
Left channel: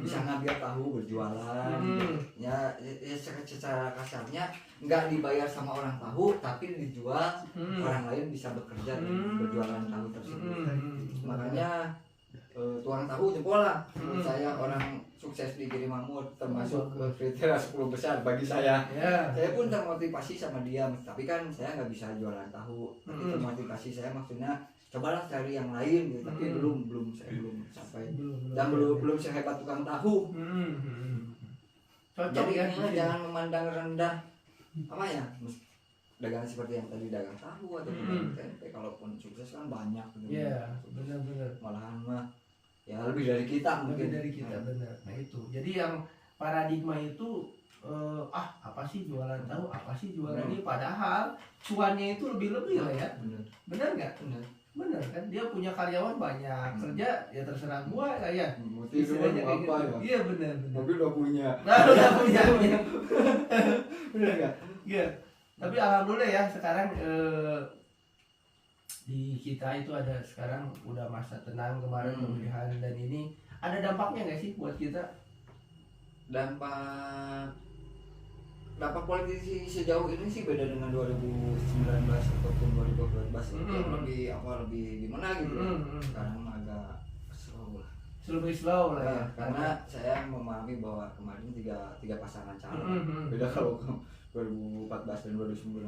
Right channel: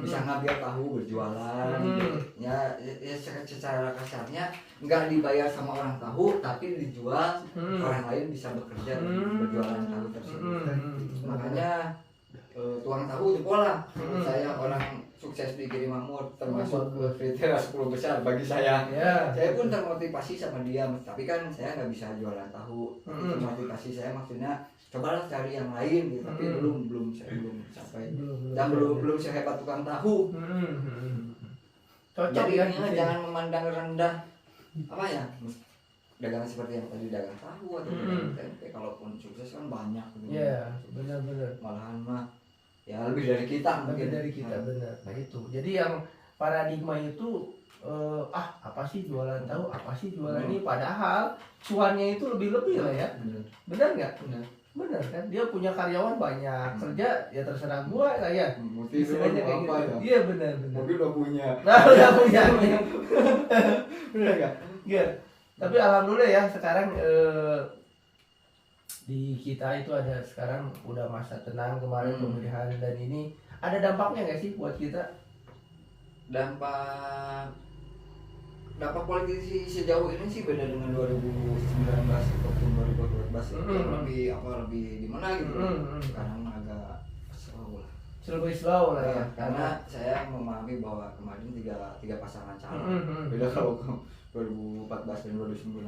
bisa ngambil tahu berjualan. Ya secara kasarnya nggak dibayar sama orang tahu, tapi dijual, orang lain bisa bekerja berjualan tahu tersebut. Makanya tuang tahu jempol lah. Saya orang sukses di Giri Makmur, termasuk kriteria 10 besar bagi saya. Ya. Saya pun termotivasi sama dia, tapi kan saya nggak bisa jualan tahu. Tapi termotivasi saya maksudnya cobalah cari yang lain gitu. Tapi saya belum sampai dan belum sehebat tukang tahu. Cocok Jadi ya. jangan memandang rendah apa ya, dagangan seperti yang tadi dagang tahu atau dagang tempe. Kalaupun sukses kan banyak gitu. Iya, benar-benar. Malahan mah ya lebih dari kita Lebih mungkin. dari kita benar. Nah itu. Jadi yang paradigma itu apa sih jualan tahu, apa sih jualan ini, padahal cuannya itu lebih-lebih lah ya. Benar nggak? Benar kan? Dia punya karyawan banyak, kerja ya terserah gua lah ya. Istilahnya kayak gitu. Iya benar. Mobil udah punya. Nah, udah punya. Benar nggak? Iya. Tapi alhamdulillah ya sekarang di kita itu ada sekarang udah masa tenang kemarin pemilihan, dan ini ada dampaknya nggak sih buat kita? Dampak politisi sejauh ini sih beda dengan 2019 ataupun 2014 lebih gimana gitu. Sekarang agak slow lah. Lebih slow lah ya. Karena saya memahami bahwa kemarin tiga pasangan calon. Beda kalau 2014 dan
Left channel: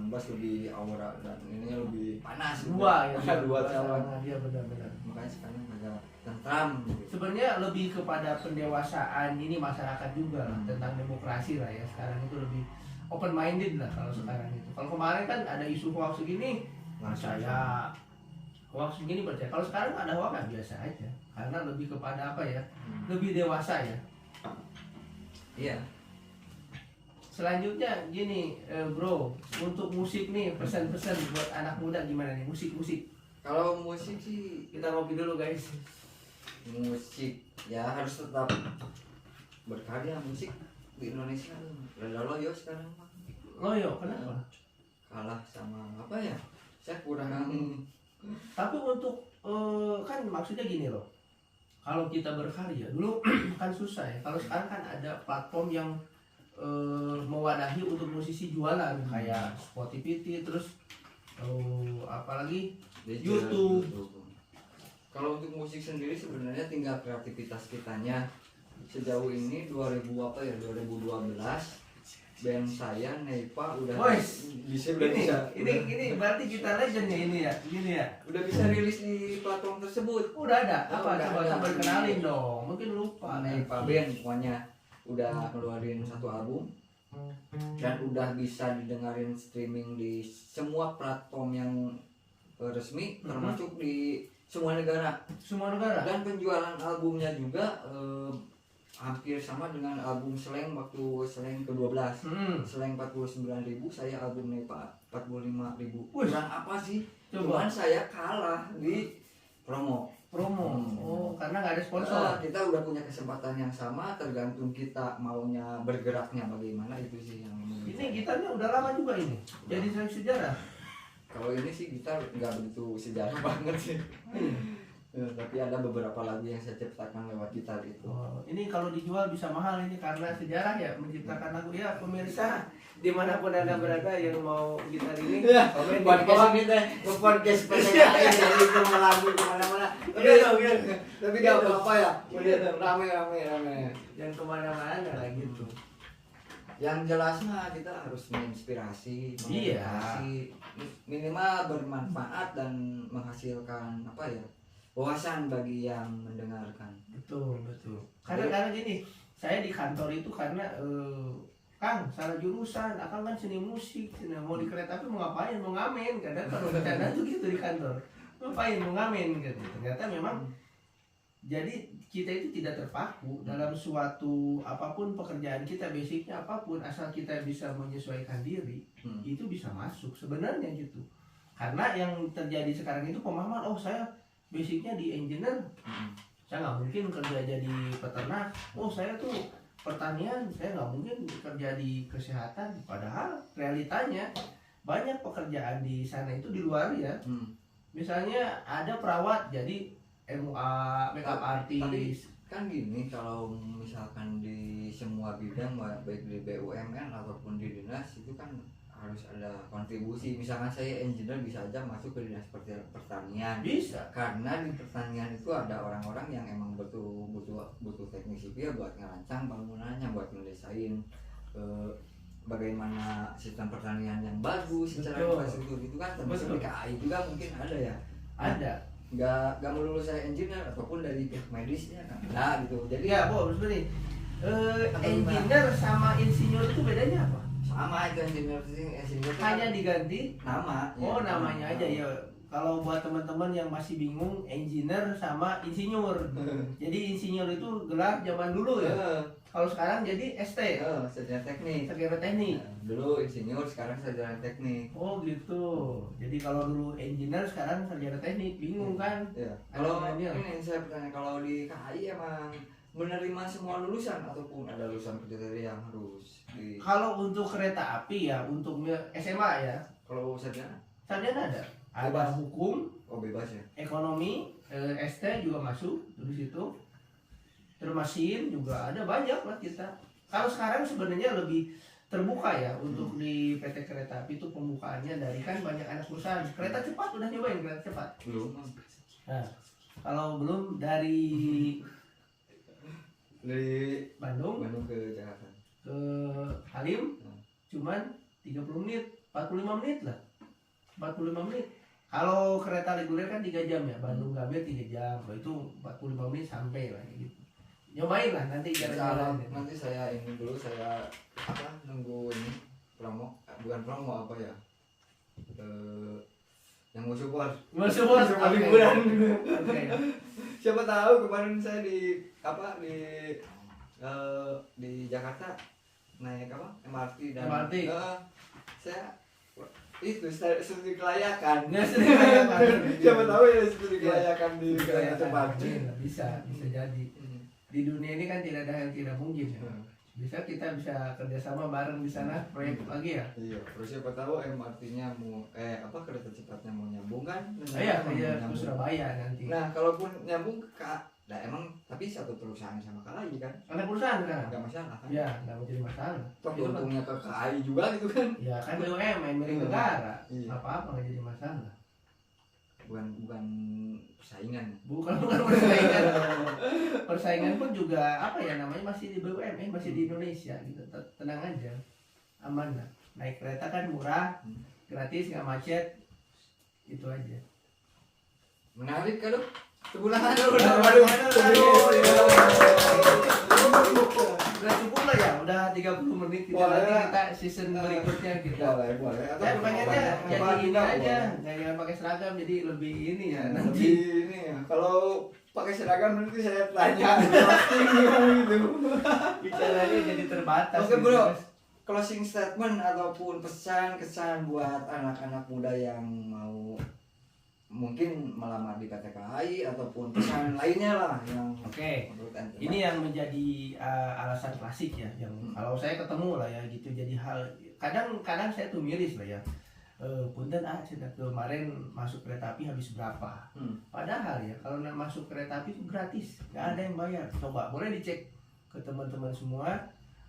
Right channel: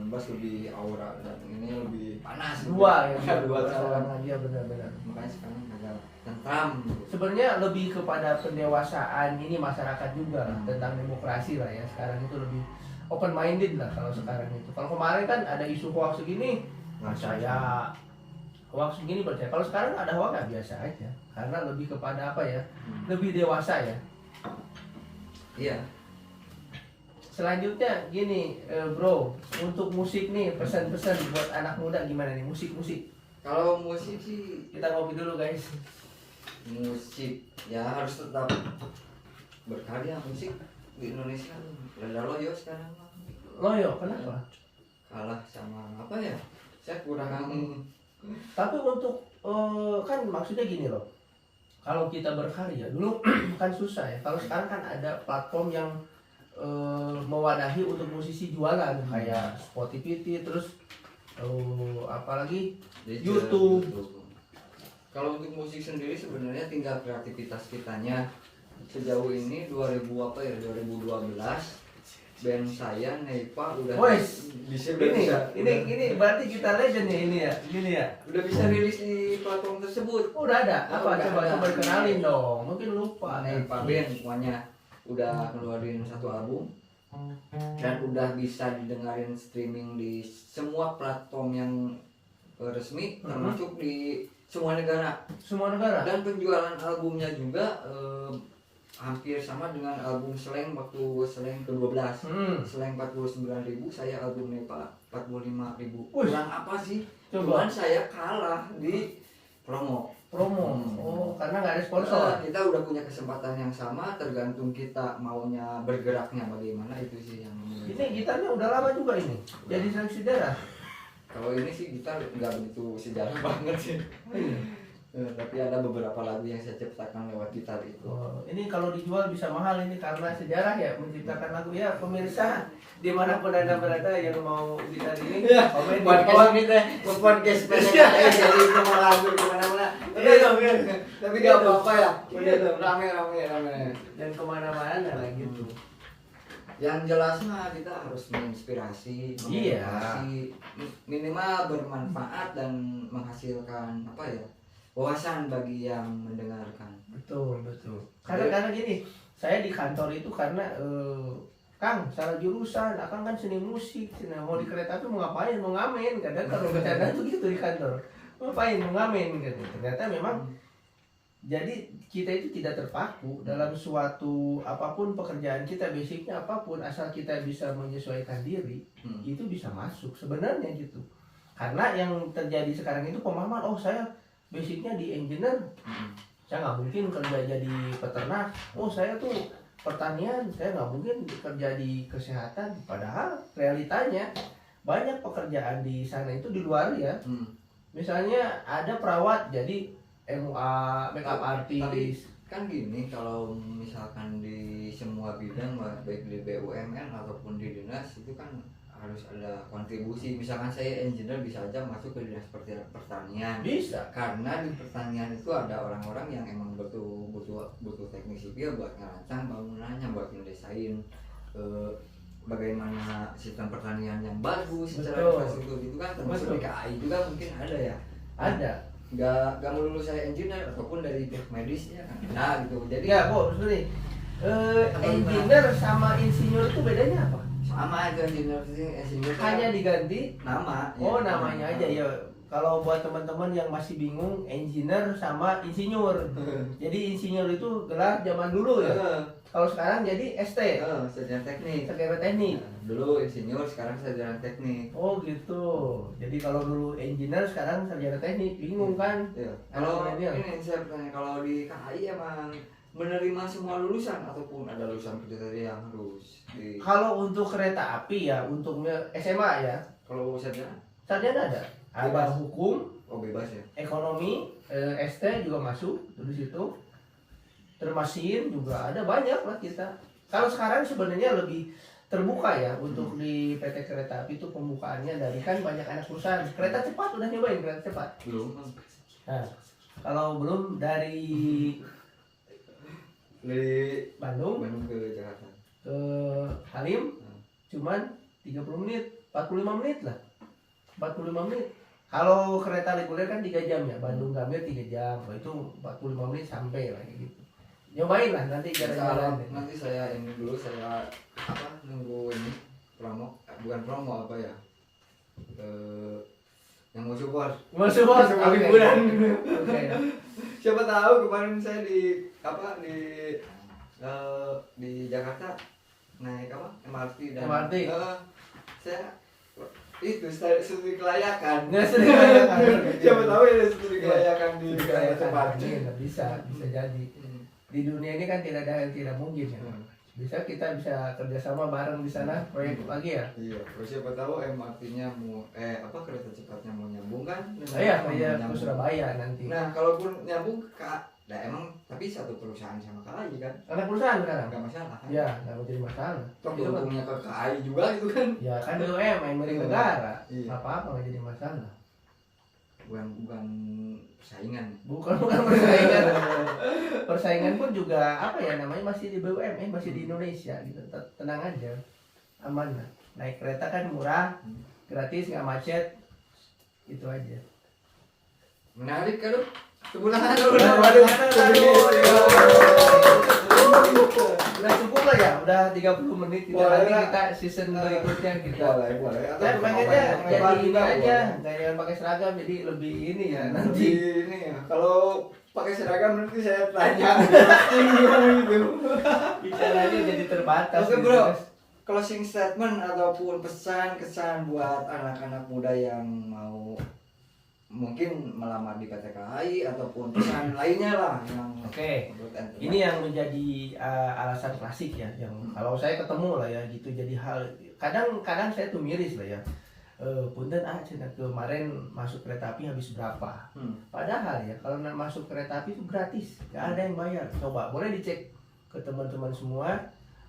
2019 lebih aura, dan ini lebih panas. Dua calon. dia benar-benar. Makanya sekarang agak tentram. Sebenarnya lebih kepada pendewasaan ini masyarakat juga tentang demokrasi lah ya. Sekarang itu lebih open minded lah kalau sekarang itu. Kalau kemarin kan ada isu hoax segini percaya, hoax begini percaya. Kalau sekarang ada hoax kan biasa aja, karena lebih kepada apa ya, lebih dewasa ya. Iya. Selanjutnya gini bro, untuk musik nih, pesan-pesan buat anak muda gimana nih musik? Kalau musik sih Kita ngopi dulu guys. musik ya harus tetap berkarya. Musik di Indonesia rada loyo sekarang. Loyo, kenapa? Kalah sama apa ya? Saya kurang Tapi untuk kan maksudnya gini loh, kalau kita berkarya dulu kan susah ya. Kalau sekarang kan ada platform yang mewadahi untuk musisi jualan kayak Spotify, terus apalagi YouTube. Kalau untuk musik sendiri sebenarnya tinggal kreativitas kitanya. Sejauh ini 2012 band saya Nepa udah ini berarti kita legend ya ini ya, gini ya. Udah bisa rilis di platform tersebut. Udah ada. Apa Udah coba ada. kenalin dong. Mungkin lupa. Nepa band pokoknya udah keluarin satu album dan udah bisa didengarin streaming di semua platform yang resmi, termasuk di semua negara. Dan penjualan albumnya juga hampir sama dengan album Slank waktu Slank ke-12. Slank 49.000, saya album Nepa 45.000. Kurang apa sih? Cuman saya kalah di promo. Oh, karena nggak ada sponsor. Kita udah punya kesempatan yang sama, tergantung kita maunya bergeraknya bagaimana, itu sih yang Ini gitarnya udah lama juga ini. Jadi sejarah. Kalau ini sih kita nggak begitu sejarah banget sih. Tapi ada beberapa lagu yang saya ciptakan lewat gitar itu. Oh, ini kalau dijual bisa mahal ini karena sejarah ya menciptakan lagu ya pemirsa dimanapun anda berada yang mau gitar ini komen di Podcast bawah. ini teh podcast PDKI jadi semua lagu kemana-mana. Tapi gak apa-apa ya. Udah rame. Dan kemana-mana lah gitu. Yang jelasnya kita harus menginspirasi, Iya. mengedukasi, minimal bermanfaat dan menghasilkan apa ya, wawasan bagi yang mendengarkan. Betul. Karena gini, saya di kantor itu karena Kang salah jurusan, Akang kan seni musik, nah, mau di kereta api mau ngapain, mau ngamen, kadang kalau bercanda tuh gitu di kantor, ngapain mau ngamen gitu. Ternyata memang jadi kita itu tidak terpaku dalam suatu apapun pekerjaan kita, basicnya apapun, asal kita bisa menyesuaikan diri, itu bisa masuk sebenarnya gitu. Karena yang terjadi sekarang itu pemahaman, oh saya basicnya di engineer, saya nggak mungkin kerja jadi peternak, oh saya tuh pertanian, saya nggak mungkin kerja di kesehatan. Padahal realitanya banyak pekerjaan di sana itu di luar ya. Misalnya ada perawat jadi MUA, makeup artist. Kan gini, kalau misalkan di semua bidang baik di BUMN ataupun di dinas itu kan harus ada kontribusi. Misalkan saya engineer bisa aja masuk ke dinas pertanian. Bisa. Karena di pertanian itu ada orang-orang yang emang butuh teknik sipil buat ngerancang bangunannya, buat ngedesain bagaimana sistem pertanian yang bagus secara infrastruktur itu kan termasuk di KAI juga mungkin ada ya. Ada. Nggak melulu saya engineer ataupun dari pihak medisnya kan nah gitu. Jadi Ya kok maksudnya engineer sama insinyur itu bedanya apa? sama itu engineer Hanya diganti nama. oh namanya aja ya. Kalau buat teman-teman yang masih bingung, engineer sama insinyur. Jadi insinyur itu gelar zaman dulu ya. Kalau sekarang jadi ST, sarjana teknik. sarjana teknik. Nah, dulu insinyur, sekarang sarjana teknik. Oh gitu. Jadi kalau dulu engineer, sekarang sarjana teknik, bingung kan? Ya. Kalau Kalau ini saya bertanya, kalau di KAI emang menerima semua lulusan ataupun ada lulusan kriteria yang harus di. Kalau untuk kereta api ya, untuk SMA ya, Kalau sarjana? sarjana ada. Ada Bebas. hukum, Oh bebas ya. ekonomi, ST juga masuk di situ. Terus mesin juga ada banyak lah kita. Kalau sekarang sebenarnya lebih terbuka ya untuk di PT Kereta Api itu pembukaannya dari kan banyak anak perusahaan. Kereta cepat udah nyobain kereta cepat. Belum. Nah, kalau belum dari Bandung ke Jakarta. ke Halim cuman 30 menit, 45 menit lah. 45 menit. Kalau kereta reguler kan 3 jam ya, Bandung Gambir 3 jam. Itu 45 menit sampai lah gitu. Nyobain lah nanti jalan-jalan. Nanti saya ini dulu saya nunggu ini bukan promo apa ya yang mau support Oke. bulan. Oke. Siapa tahu kemarin saya di Jakarta naik MRT dan MRT. saya itu studi kelayakan. Nggak sering kelayakan. Siapa tahu ya studi kelayakan di kereta cepat. Bisa jadi. Di dunia ini kan tidak ada yang tidak mungkin ya. Bisa kita bisa kerjasama bareng di sana proyek lagi ya. Iya, terus siapa tahu MRT-nya mau kereta cepatnya mau nyambung kan? Iya, kayak ke Surabaya nanti. Nah, kalaupun nyambung nah emang tapi satu perusahaan sama KAI kan? Anak perusahaan sekarang. Enggak masalah kan? Ya, nggak menjadi masalah. Toh untungnya ke KAI juga gitu kan? Ya kan BUMN milik negara. Iya. Apa nggak jadi masalah. Bukan persaingan. Bukan persaingan. Persaingan pun juga apa ya namanya masih di BUMN, masih di Indonesia gitu. Tenang aja, aman lah. Naik kereta kan murah, gratis, nggak macet, itu aja. Menarik kan? Sebulan Udah cukup lah ya, udah 30 menit. Nanti kita season berikutnya kita. Boleh. Saya pengennya jadi ini aja, nggak jangan pakai seragam, jadi lebih ini ya nanti. Ini ya, kalau pakai seragam nanti saya tanya gitu. Bicaranya jadi terbatas. Oke gitu, bro, guys. closing statement ataupun pesan kesan buat anak-anak muda yang mau mungkin melamar di PT KAI ataupun pesan lainnya lah yang Oke. menurut anda. Ini yang menjadi alasan klasik ya, yang kalau saya ketemu lah ya gitu, jadi hal kadang saya tuh miris lah ya. punten cina kemarin masuk kereta api habis berapa. Padahal ya kalau masuk kereta api itu gratis, nggak ada yang bayar. Coba boleh dicek ke teman-teman semua,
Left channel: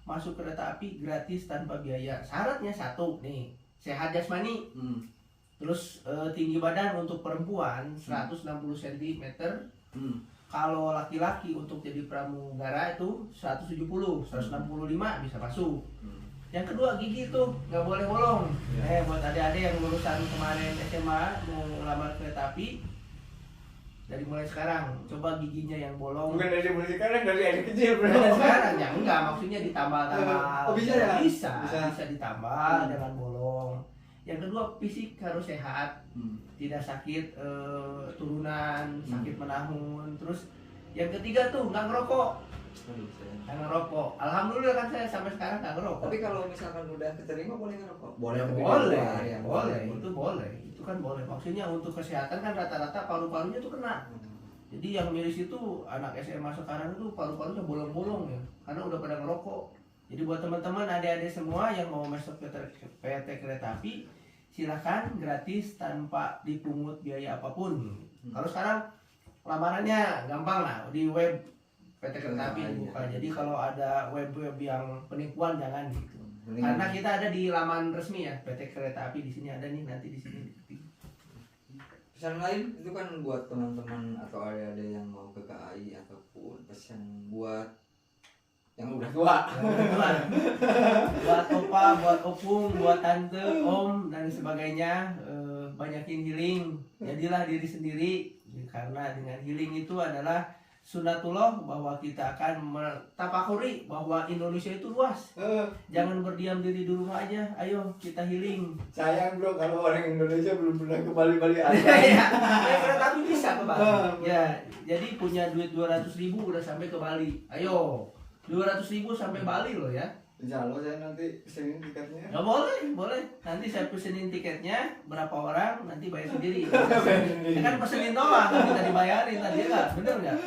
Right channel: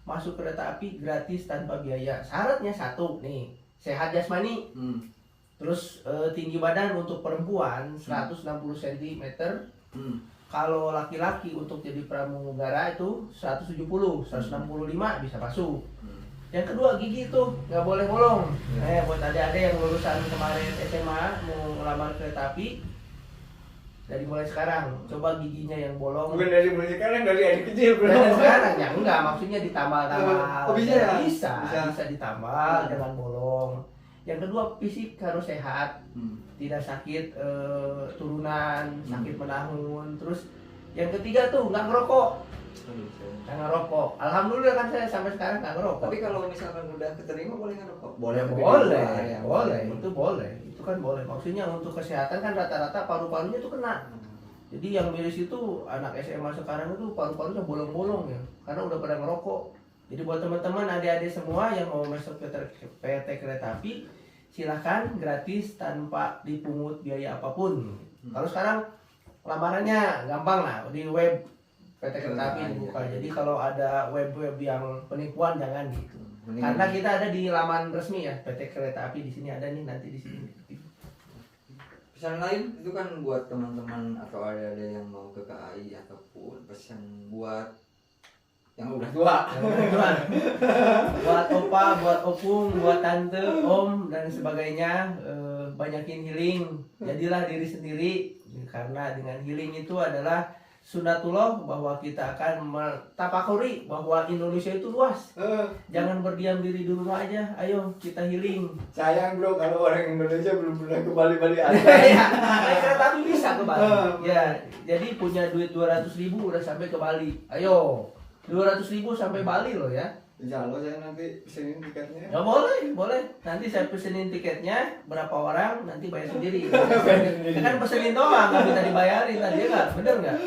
masuk kereta api gratis tanpa biaya. Syaratnya satu nih, sehat jasmani, terus tinggi badan untuk perempuan 160 cm, kalau laki-laki untuk jadi pramugara itu 170, 165 bisa masuk. Yang kedua gigi tuh nggak boleh bolong. Buat adik-adik yang lulusan kemarin SMA mau ngelamar kereta api, dari mulai sekarang coba giginya yang bolong. Bukan dari mulai sekarang, dari adik kecil belum. Dari sekarang ya enggak, maksudnya ditambal-tambal. Oh, bisa ya? Bisa ditambal, jangan bolong. Yang kedua fisik harus sehat, tidak sakit turunan, sakit menahun. Terus yang ketiga tuh nggak ngerokok. Nggak ngerokok. Alhamdulillah kan saya sampai sekarang nggak ngerokok. Tapi kalau misalkan udah keterima boleh ngerokok? Boleh, itu boleh. Itu kan boleh. Maksudnya untuk kesehatan kan rata-rata paru-parunya tuh kena. Jadi yang miris itu anak SMA sekarang itu paru-parunya bolong-bolong ya, karena udah pada ngerokok. Jadi buat teman-teman adik-adik semua yang mau masuk PT Kereta Api, silahkan gratis tanpa dipungut biaya apapun. Kalau sekarang lamarannya gampang lah, di web PT Kereta Api dibuka. Jadi kalau ada web-web yang penipuan jangan gitu. Karena kita ada di laman resmi ya PT Kereta Api, di sini ada nih, nanti di sini. Pesan lain itu kan buat teman-teman atau ada yang mau ke KAI ataupun pesan buat yang udah tua. Buat opa, buat opung, buat tante, om dan sebagainya, banyakin healing. Jadilah diri sendiri, karena dengan healing itu adalah sunatullah, bahwa kita akan mentafakuri bahwa Indonesia itu luas. Jangan berdiam diri di rumah aja, ayo kita healing. Sayang bro kalau orang Indonesia belum pernah ke Bali aja. Ya, kereta api bisa ke Bali. Ya, jadi punya duit 200.000 udah sampai ke Bali. Ayo, 200.000 sampai Bali loh ya. Insya Allah saya nanti pesenin tiketnya. Ya boleh. Nanti saya pesenin tiketnya berapa orang, nanti bayar sendiri. Ya kan pesenin doang, nggak minta dibayarin tadi nggak, bener nggak?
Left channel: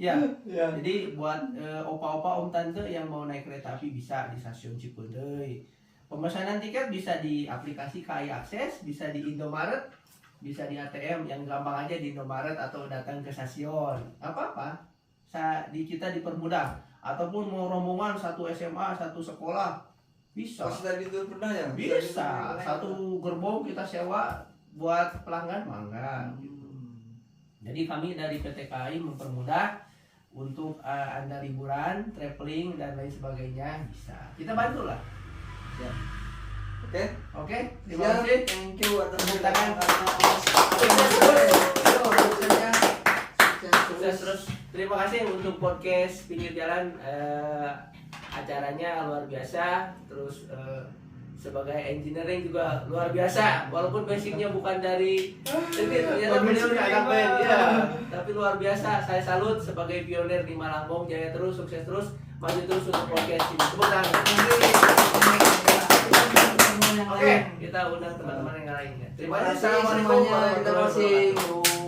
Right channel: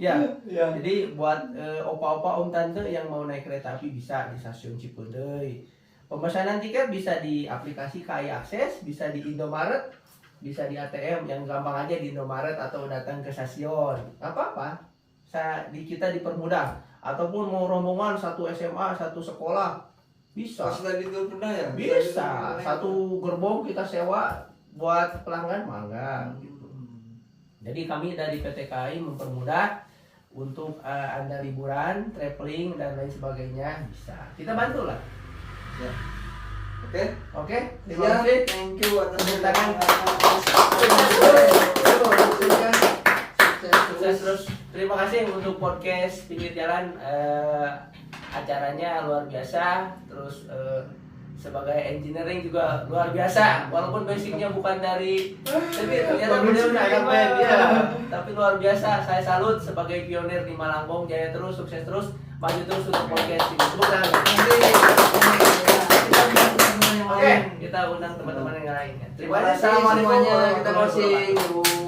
Ya. Jadi buat opa-opa, om tante yang mau naik kereta api bisa di stasiun Cipeundeuy. Pemesanan tiket bisa di aplikasi KAI Akses, bisa di Indomaret, bisa di ATM, yang gampang aja di Indomaret atau datang ke stasiun. Apa-apa, kita dipermudah. Ataupun mau rombongan satu SMA, satu sekolah, bisa. Pas tadi itu pernah ya? Bisa. Satu gerbong kita sewa buat pelanggan, mangga gitu. Jadi kami dari PT KAI mempermudah untuk Anda liburan, traveling dan lain sebagainya, bisa. Kita bantu lah. Siap. Oke. Terima kasih. Thank you buat Tepuk tangan. Sukses terus. Terima kasih untuk podcast Pinggir Jalan, acaranya luar biasa. Terus sebagai engineering juga luar biasa, walaupun basicnya bukan dari ternyata beliau anak band ya, tapi luar biasa. Saya salut sebagai pionir di Malangbong. Jaya terus, sukses terus, maju terus untuk podcast ini. Tepuk tangan. Oke, kita undang teman-teman yang lainnya. Terima kasih. Assalamualaikum warahmatullahi wabarakatuh.